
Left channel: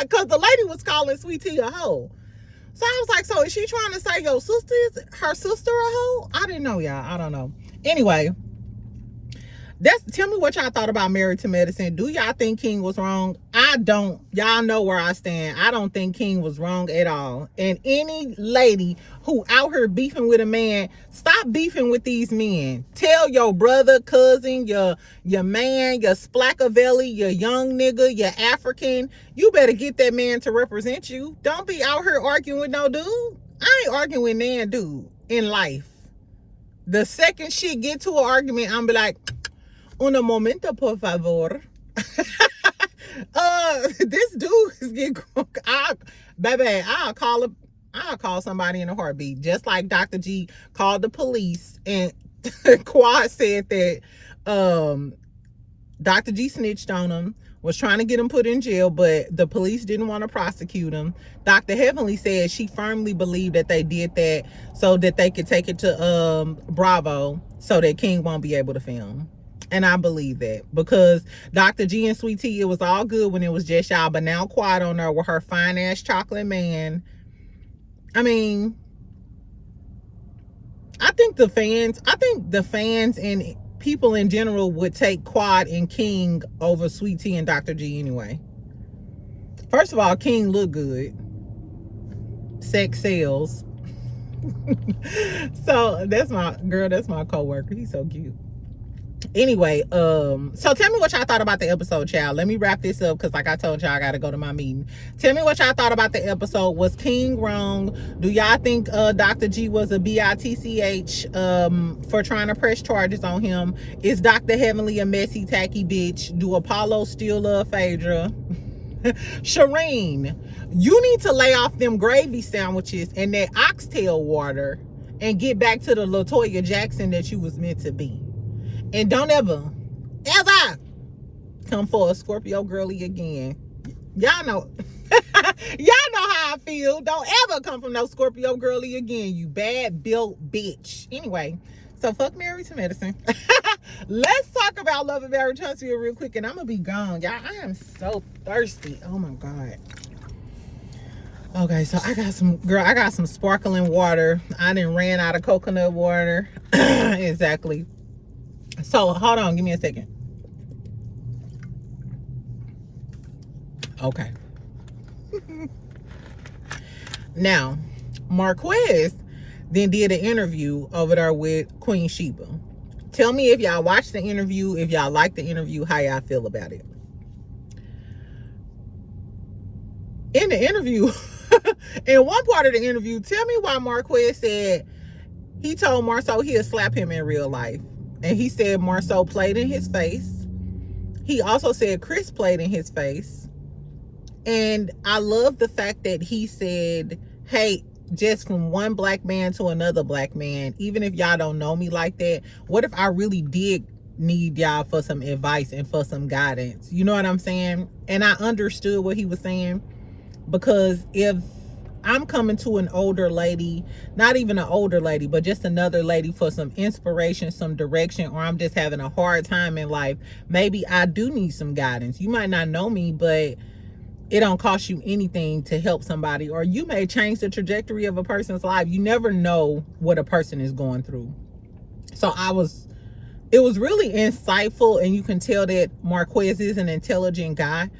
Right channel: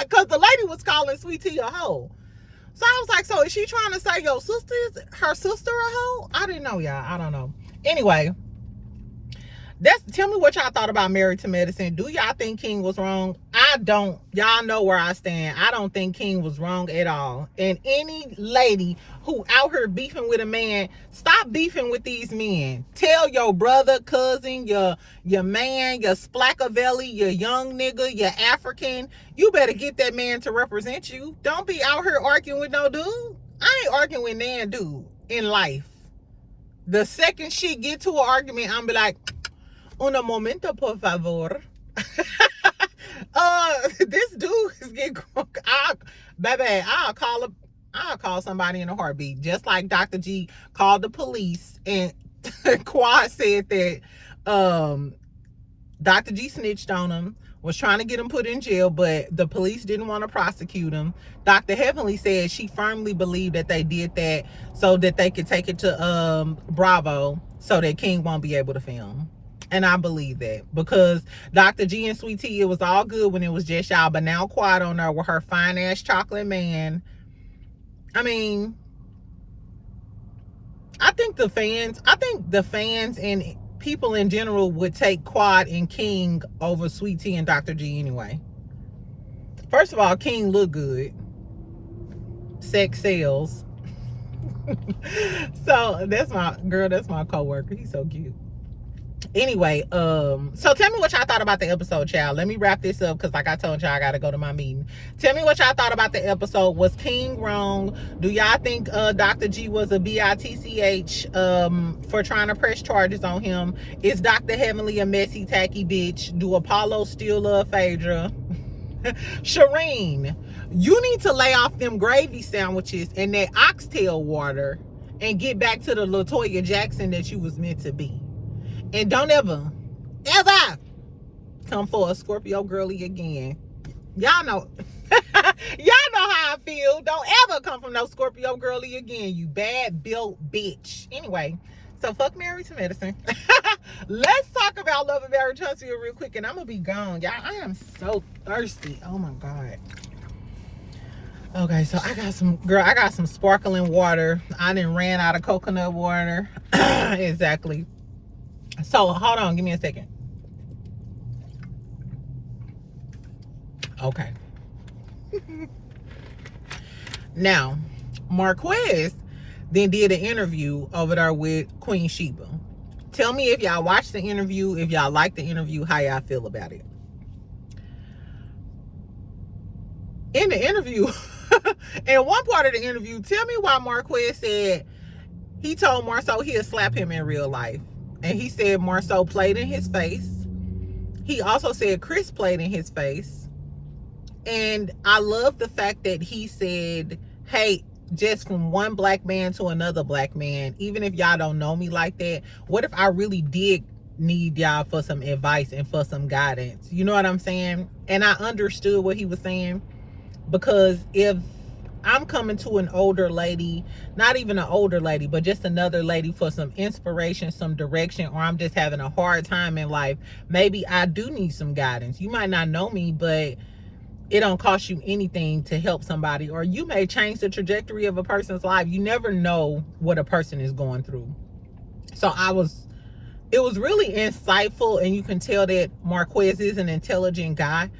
Because the lady was calling Sweet Tea a hoe. So I was like, so is she trying to say her sister a hoe? I didn't know, y'all. I don't know. Anyway, tell me what y'all thought about Married to Medicine. Do y'all think King was wrong? I don't. Y'all know where I stand. I don't think King was wrong at all. And any lady who out here beefing with a man, stop beefing with these men. Tell your brother, cousin, your man, your splackavelli, your young nigga, your African, you better get that man to represent you. Don't be out here arguing with no dude. I ain't arguing with nan dude in life. The second shit get to an argument, I'm be like, un momento, por favor. This dude is getting crunk. I'll call somebody in a heartbeat. Just like Dr. G called the police and Quad said that Dr. G snitched on him, was trying to get him put in jail, but the police didn't want to prosecute him. Dr. Heavenly said she firmly believed that they did that so that they could take it to Bravo so that King won't be able to film. And I believe that because Dr. G and Sweet Tea, it was all good when it was just y'all, but now Quad on there with her fine ass chocolate man. I mean, I think the fans and people in general would take Quad and King over Sweet Tea and Dr. G anyway. First of all, King look good. Sex sells. So that's my coworker. He's so cute. Anyway, so tell me what y'all thought about the episode, child. Let me wrap this up because like I told y'all, I gotta go to my meeting. Tell me what y'all thought about the episode. Was King wrong? Do y'all think Dr. G was a bitch for trying to press charges on him? Is Dr. Heavenly a messy, tacky bitch? Do Apollo still love Phaedra? Shireen, you need to lay off them gravy sandwiches and that oxtail water and get back to the LaToya Jackson that you was meant to be. And don't ever come for a Scorpio girly again. Y'all know how I feel. Don't ever come from no Scorpio girly again, you bad built bitch. Anyway, so fuck Married to Medicine. Let's talk about Love and Marriage Huntsville real quick, and I'm gonna be gone. Y'all, I am so thirsty. Oh my God. Okay, so I got some sparkling water. I done ran out of coconut water. Exactly. So hold on, give me a second. Okay. Now, Marques then did an interview over there with Queen Sheba. Tell me if y'all watched the interview, if y'all liked the interview, how y'all feel about it. In the interview, in one part of the interview, tell me why Marques said he told Marceau he'd slap him in real life. And he said Marceau played in his face. He also said Chris played in his face. And I love the fact that he said, hey, just from one black man to another black man, even if y'all don't know me like that, what if I really did need y'all for some advice and for some guidance? You know what I'm saying? And I understood what he was saying, because if I'm coming to an older lady, not even an older lady, but just another lady for some inspiration, some direction, or I'm just having a hard time in life, maybe I do need some guidance. You might not know me, but it don't cost you anything to help somebody, or you may change the trajectory of a person's life. You never know what a person is going through. So it was really insightful, and you can tell that Marques is an intelligent guy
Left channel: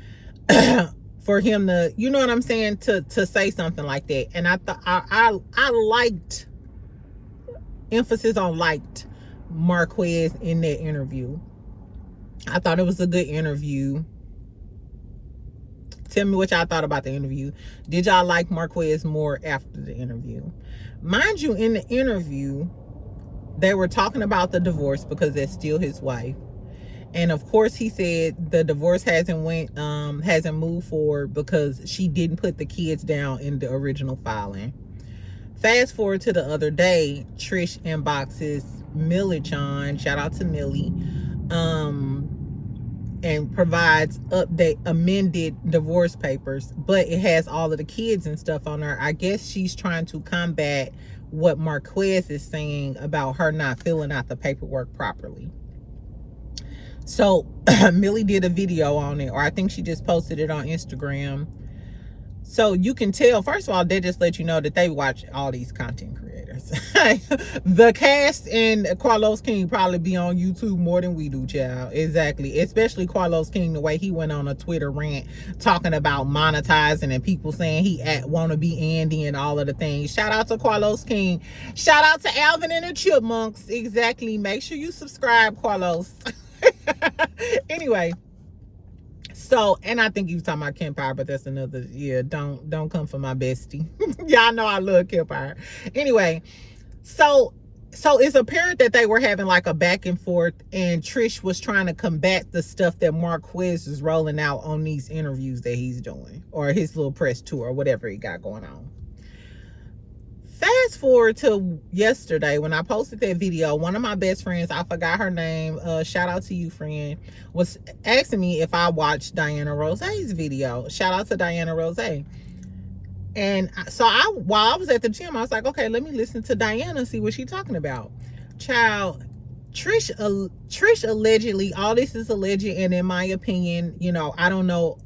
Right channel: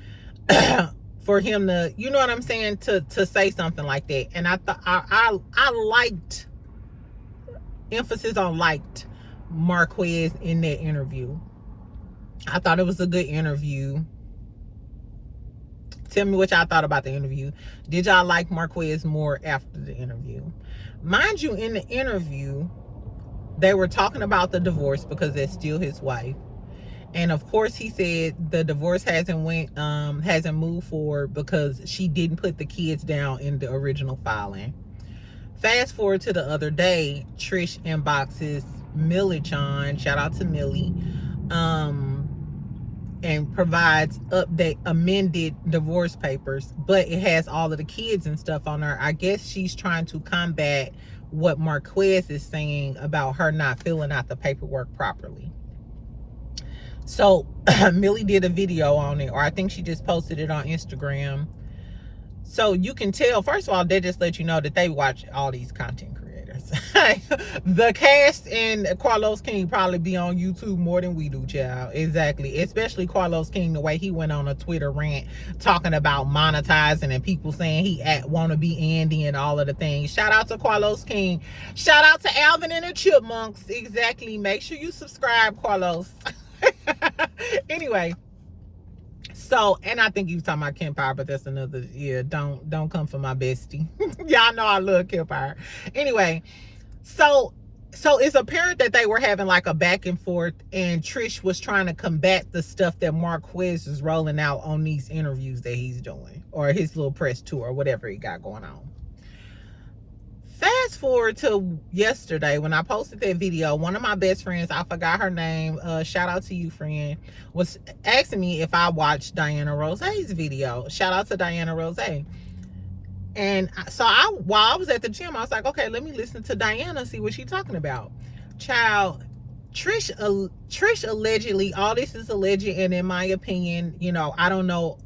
for him to, you know what I'm saying, to say something like that. And I thought I liked, emphasis on liked, Marques in that interview. I thought it was a good interview. Tell me what y'all thought about the interview. Did y'all like Marques more after the interview? Mind you, in the interview, they were talking about the divorce because that's still his wife. And of course, he said the divorce hasn't moved forward because she didn't put the kids down in the original filing. Fast forward to the other day, Trish inboxes Millie Chan, shout out to Millie, and provides amended divorce papers, but it has all of the kids and stuff on there. I guess she's trying to combat what Marques is saying about her not filling out the paperwork properly. So Millie did a video on it, or I think she just posted it on Instagram. So you can tell, first of all, they just let you know that they watch all these content creators. The cast and Carlos King probably be on YouTube more than we do, child. Exactly. Especially Carlos King, the way he went on a Twitter rant talking about monetizing and people saying he want to be Andy and all of the things. Shout out to Carlos King. Shout out to Alvin and the Chipmunks. Exactly. Make sure you subscribe, Carlos. Anyway, so, and I think he was talking about Kempire, but that's another, yeah, don't come for my bestie. Y'all know I love Kempire. Anyway, so it's apparent that they were having like a back and forth, and Trish was trying to combat the stuff that Marques is rolling out on these interviews that he's doing, or his little press tour, or whatever he got going on. Fast forward to yesterday when I posted that video, one of my best friends, I forgot her name, shout out to you, friend, was asking me if I watched Diana Rose's video. Shout out to Diana Rose. And so while I was at the gym, I was like, okay, let me listen to Diana, see what she's talking about. Child, Trish allegedly, all this is alleged, and in my opinion, you know, I don't know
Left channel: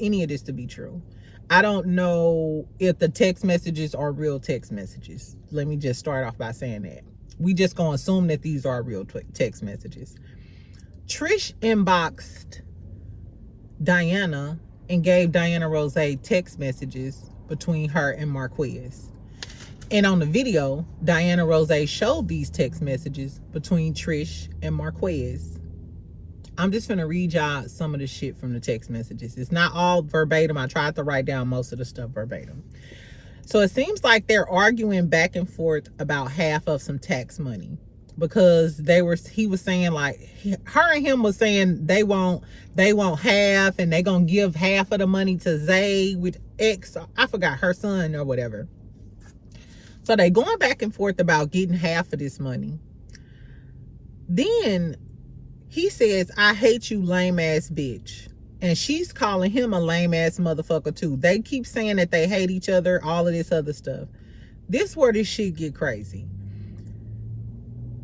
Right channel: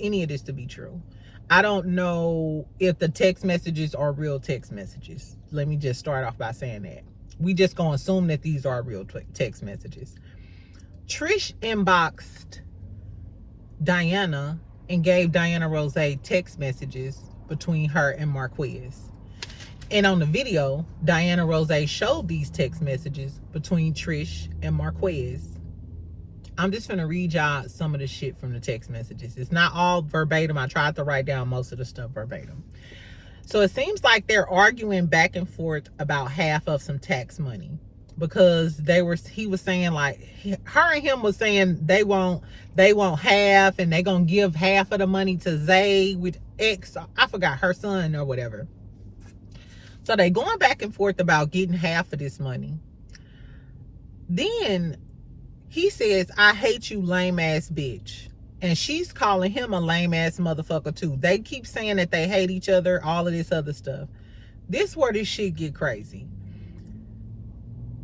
any of this to be true. I don't know if the text messages are real text messages. Let me just start off by saying that. We just gonna assume that these are real text messages. Trish inboxed Diana and gave Diana Rose text messages between her and Marques. And on the video, Diana Rose showed these text messages between Trish and Marques. I'm just gonna read y'all some of the shit from the text messages. It's not all verbatim. I tried to write down most of the stuff verbatim. So it seems like they're arguing back and forth about half of some tax money, because he was saying, like, her and him was saying they won't half, and they gonna give half of the money to Zay with X, I forgot, her son or whatever. So they going back and forth about getting half of this money. Then he says, I hate you, lame ass bitch. And she's calling him a lame ass motherfucker too. They keep saying that they hate each other, all of this other stuff. This where this shit get crazy.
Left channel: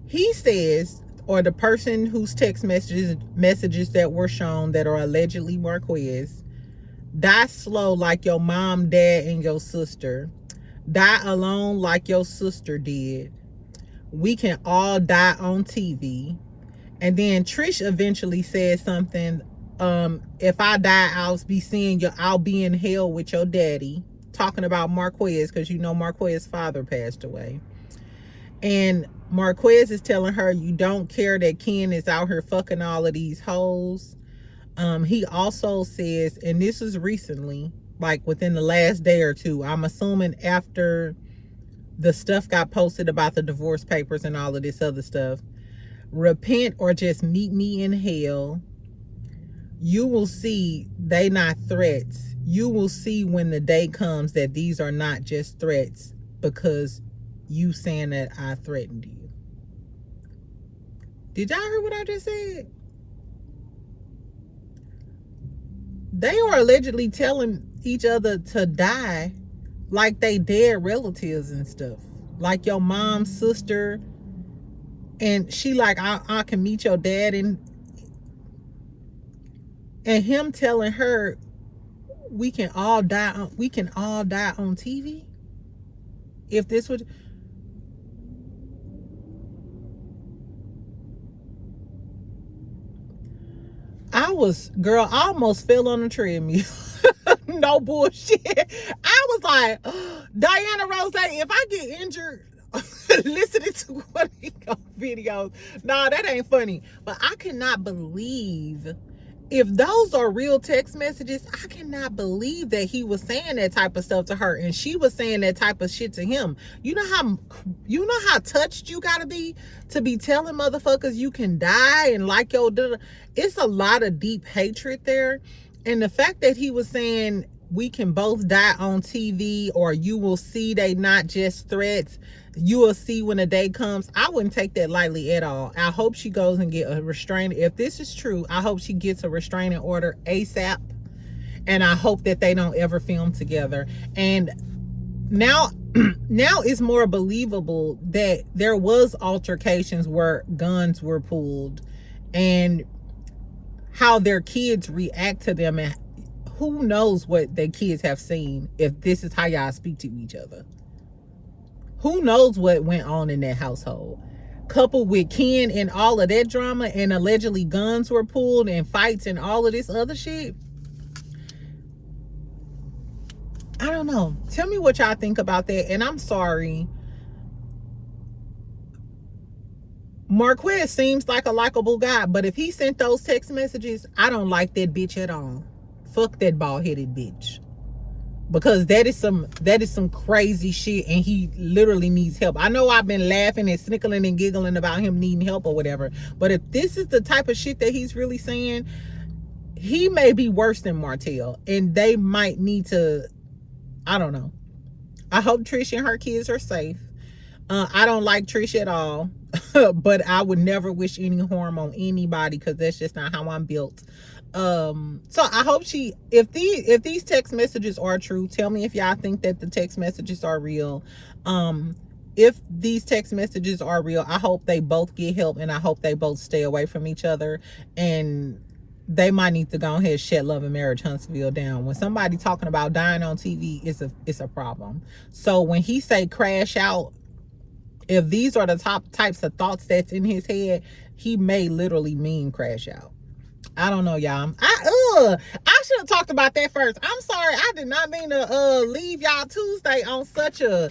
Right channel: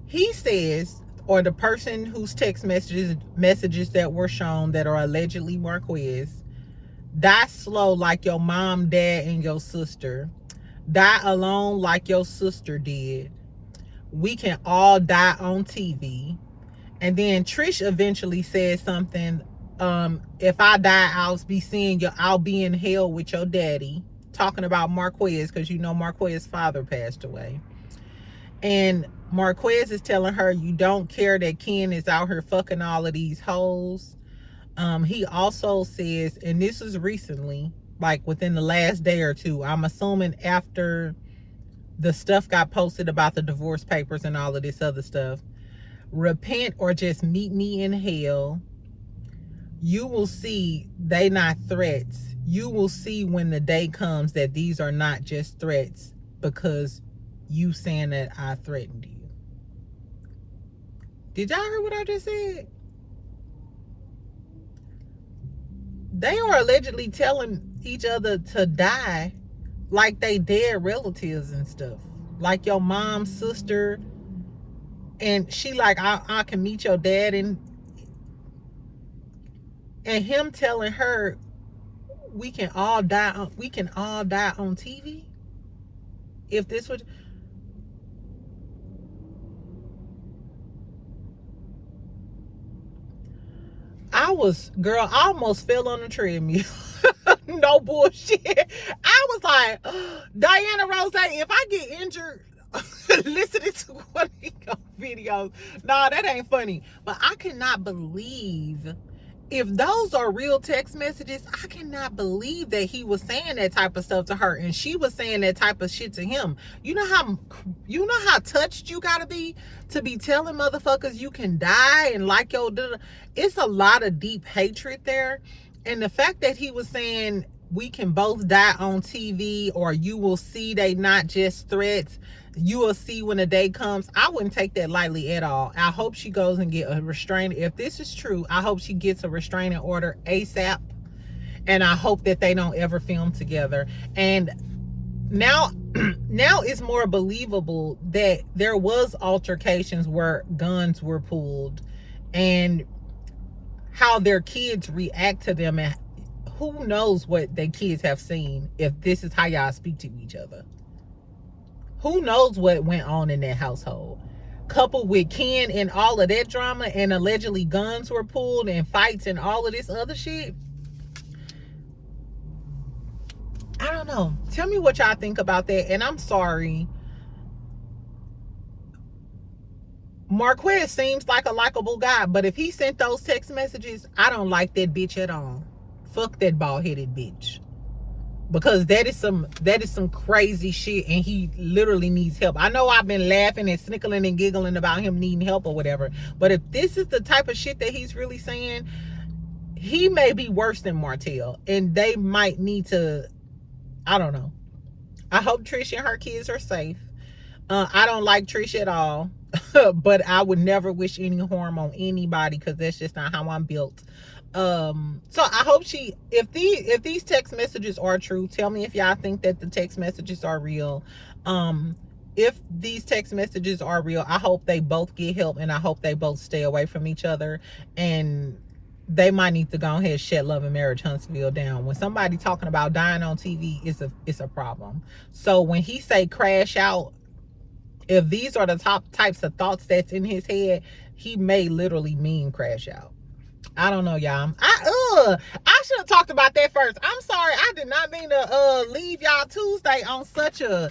He says, or the person whose text messages that were shown that are allegedly Marques, die slow like your mom, dad, and your sister. Die alone like your sister did. We can all die on TV. And then Trish eventually said something, if I die, I'll be in hell with your daddy. Talking about Marques, because you know Marques' father passed away. And Marques is telling her, you don't care that Ken is out here fucking all of these hoes. He also says, and this was recently, like within the last day or two, I'm assuming after the stuff got posted about the divorce papers and all of this other stuff, repent or just meet me in hell. You will see they not threats. You will see when the day comes that these are not just threats, because you saying that I threatened you. Did y'all hear what I just said? They are allegedly telling each other to die like they dead relatives and stuff. Like your mom's sister. And she like, I can meet your dad, and him telling her we can all die on TV. If this would, I almost fell on the treadmill. No bullshit. I was like, Diana Rose, if I get injured listening to one of your videos, no, that ain't funny. But I cannot believe, if those are real text messages, I cannot believe that he was saying that type of stuff to her and she was saying that type of shit to him. You know how touched you gotta be to be telling motherfuckers you can die, and like it's a lot of deep hatred there. And the fact that he was saying we can both die on TV, or you will see they not just threats, you will see when the day comes, I wouldn't take that lightly at all. I hope she goes and get a restraining. If this is true, I hope she gets a restraining order ASAP. And I hope that they don't ever film together. And now it's more believable that there was altercations where guns were pulled, and how their kids react to them, and who knows what their kids have seen if this is how y'all speak to each other. Who knows what went on in that household? Coupled with Ken and all of that drama, and allegedly guns were pulled and fights and all of this other shit. I don't know. Tell me what y'all think about that. And I'm sorry. Marques seems like a likable guy, but if he sent those text messages, I don't like that bitch at all. Fuck that bald-headed bitch. Because that is some crazy shit, and he literally needs help. I know I've been laughing and snickling and giggling about him needing help or whatever, but if this is the type of shit that he's really saying, he may be worse than Martell, and they might need to, I don't know. I hope Trish and her kids are safe. I don't like Trish at all, but I would never wish any harm on anybody, because that's just not how I'm built. So I hope if these text messages are true, tell me if y'all think that the text messages are real. If these text messages are real, I hope they both get help, and I hope they both stay away from each other. And they might need to go ahead and shut Love and Marriage Huntsville down. When somebody talking about dying on TV, it's a problem. So when he say crash out, if these are the top types of thoughts that's in his head, he may literally mean crash out. I don't know, y'all. I should have talked about that first. I'm sorry. I did not mean to leave y'all Tuesday on such a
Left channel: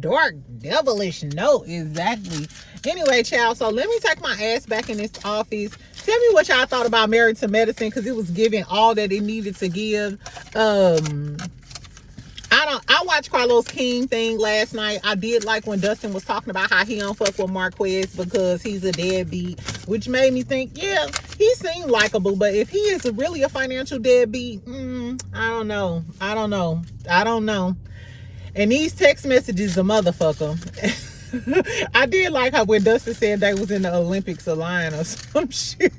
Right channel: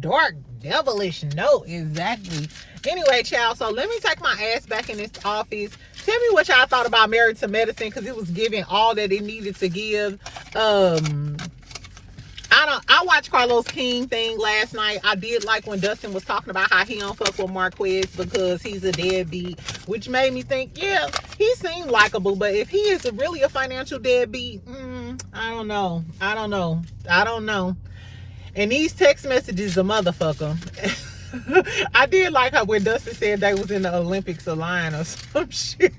dark, devilish note. Exactly. Anyway, child, so let me take my ass back in this office. Tell me what y'all thought about Married to Medicine, because it was giving all that it needed to give. I watched Carlos King thing last night. I did like when Dustin was talking about how he don't fuck with Marques because he's a deadbeat, which made me think, yeah, he seemed likable, but if he is really a financial deadbeat, I don't know. And these text messages, a motherfucker. I did like how when Dustin said they was in the Olympics aligned or some shit,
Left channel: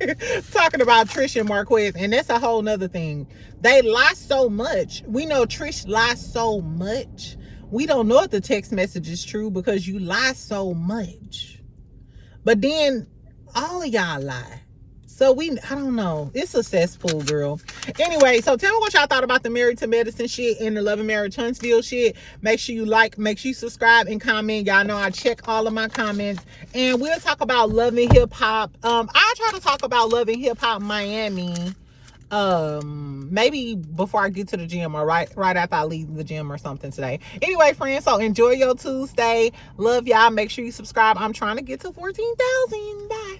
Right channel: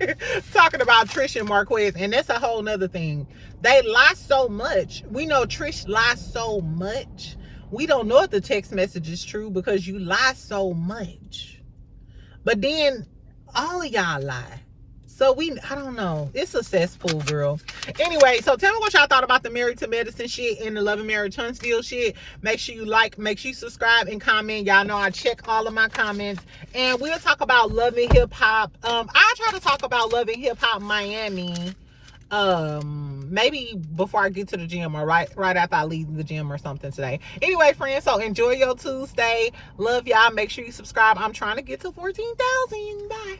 talking about Trish and Marques, and that's a whole nother thing. They lie so much. We know Trish lies so much. We don't know if the text message is true because you lie so much. But then all of y'all lie. So I don't know. It's a cesspool, girl. Anyway, so tell me what y'all thought about the Married to Medicine shit and the Love and Marriage Huntsville shit. Make sure you like, make sure you subscribe and comment. Y'all know I check all of my comments. And we'll talk about Love and Hip Hop. I try to talk about Love and Hip Hop Miami. Maybe before I get to the gym or right after I leave the gym or something today. Anyway, friends, so enjoy your Tuesday. Love y'all. Make sure you subscribe. I'm trying to get to 14,000. Bye.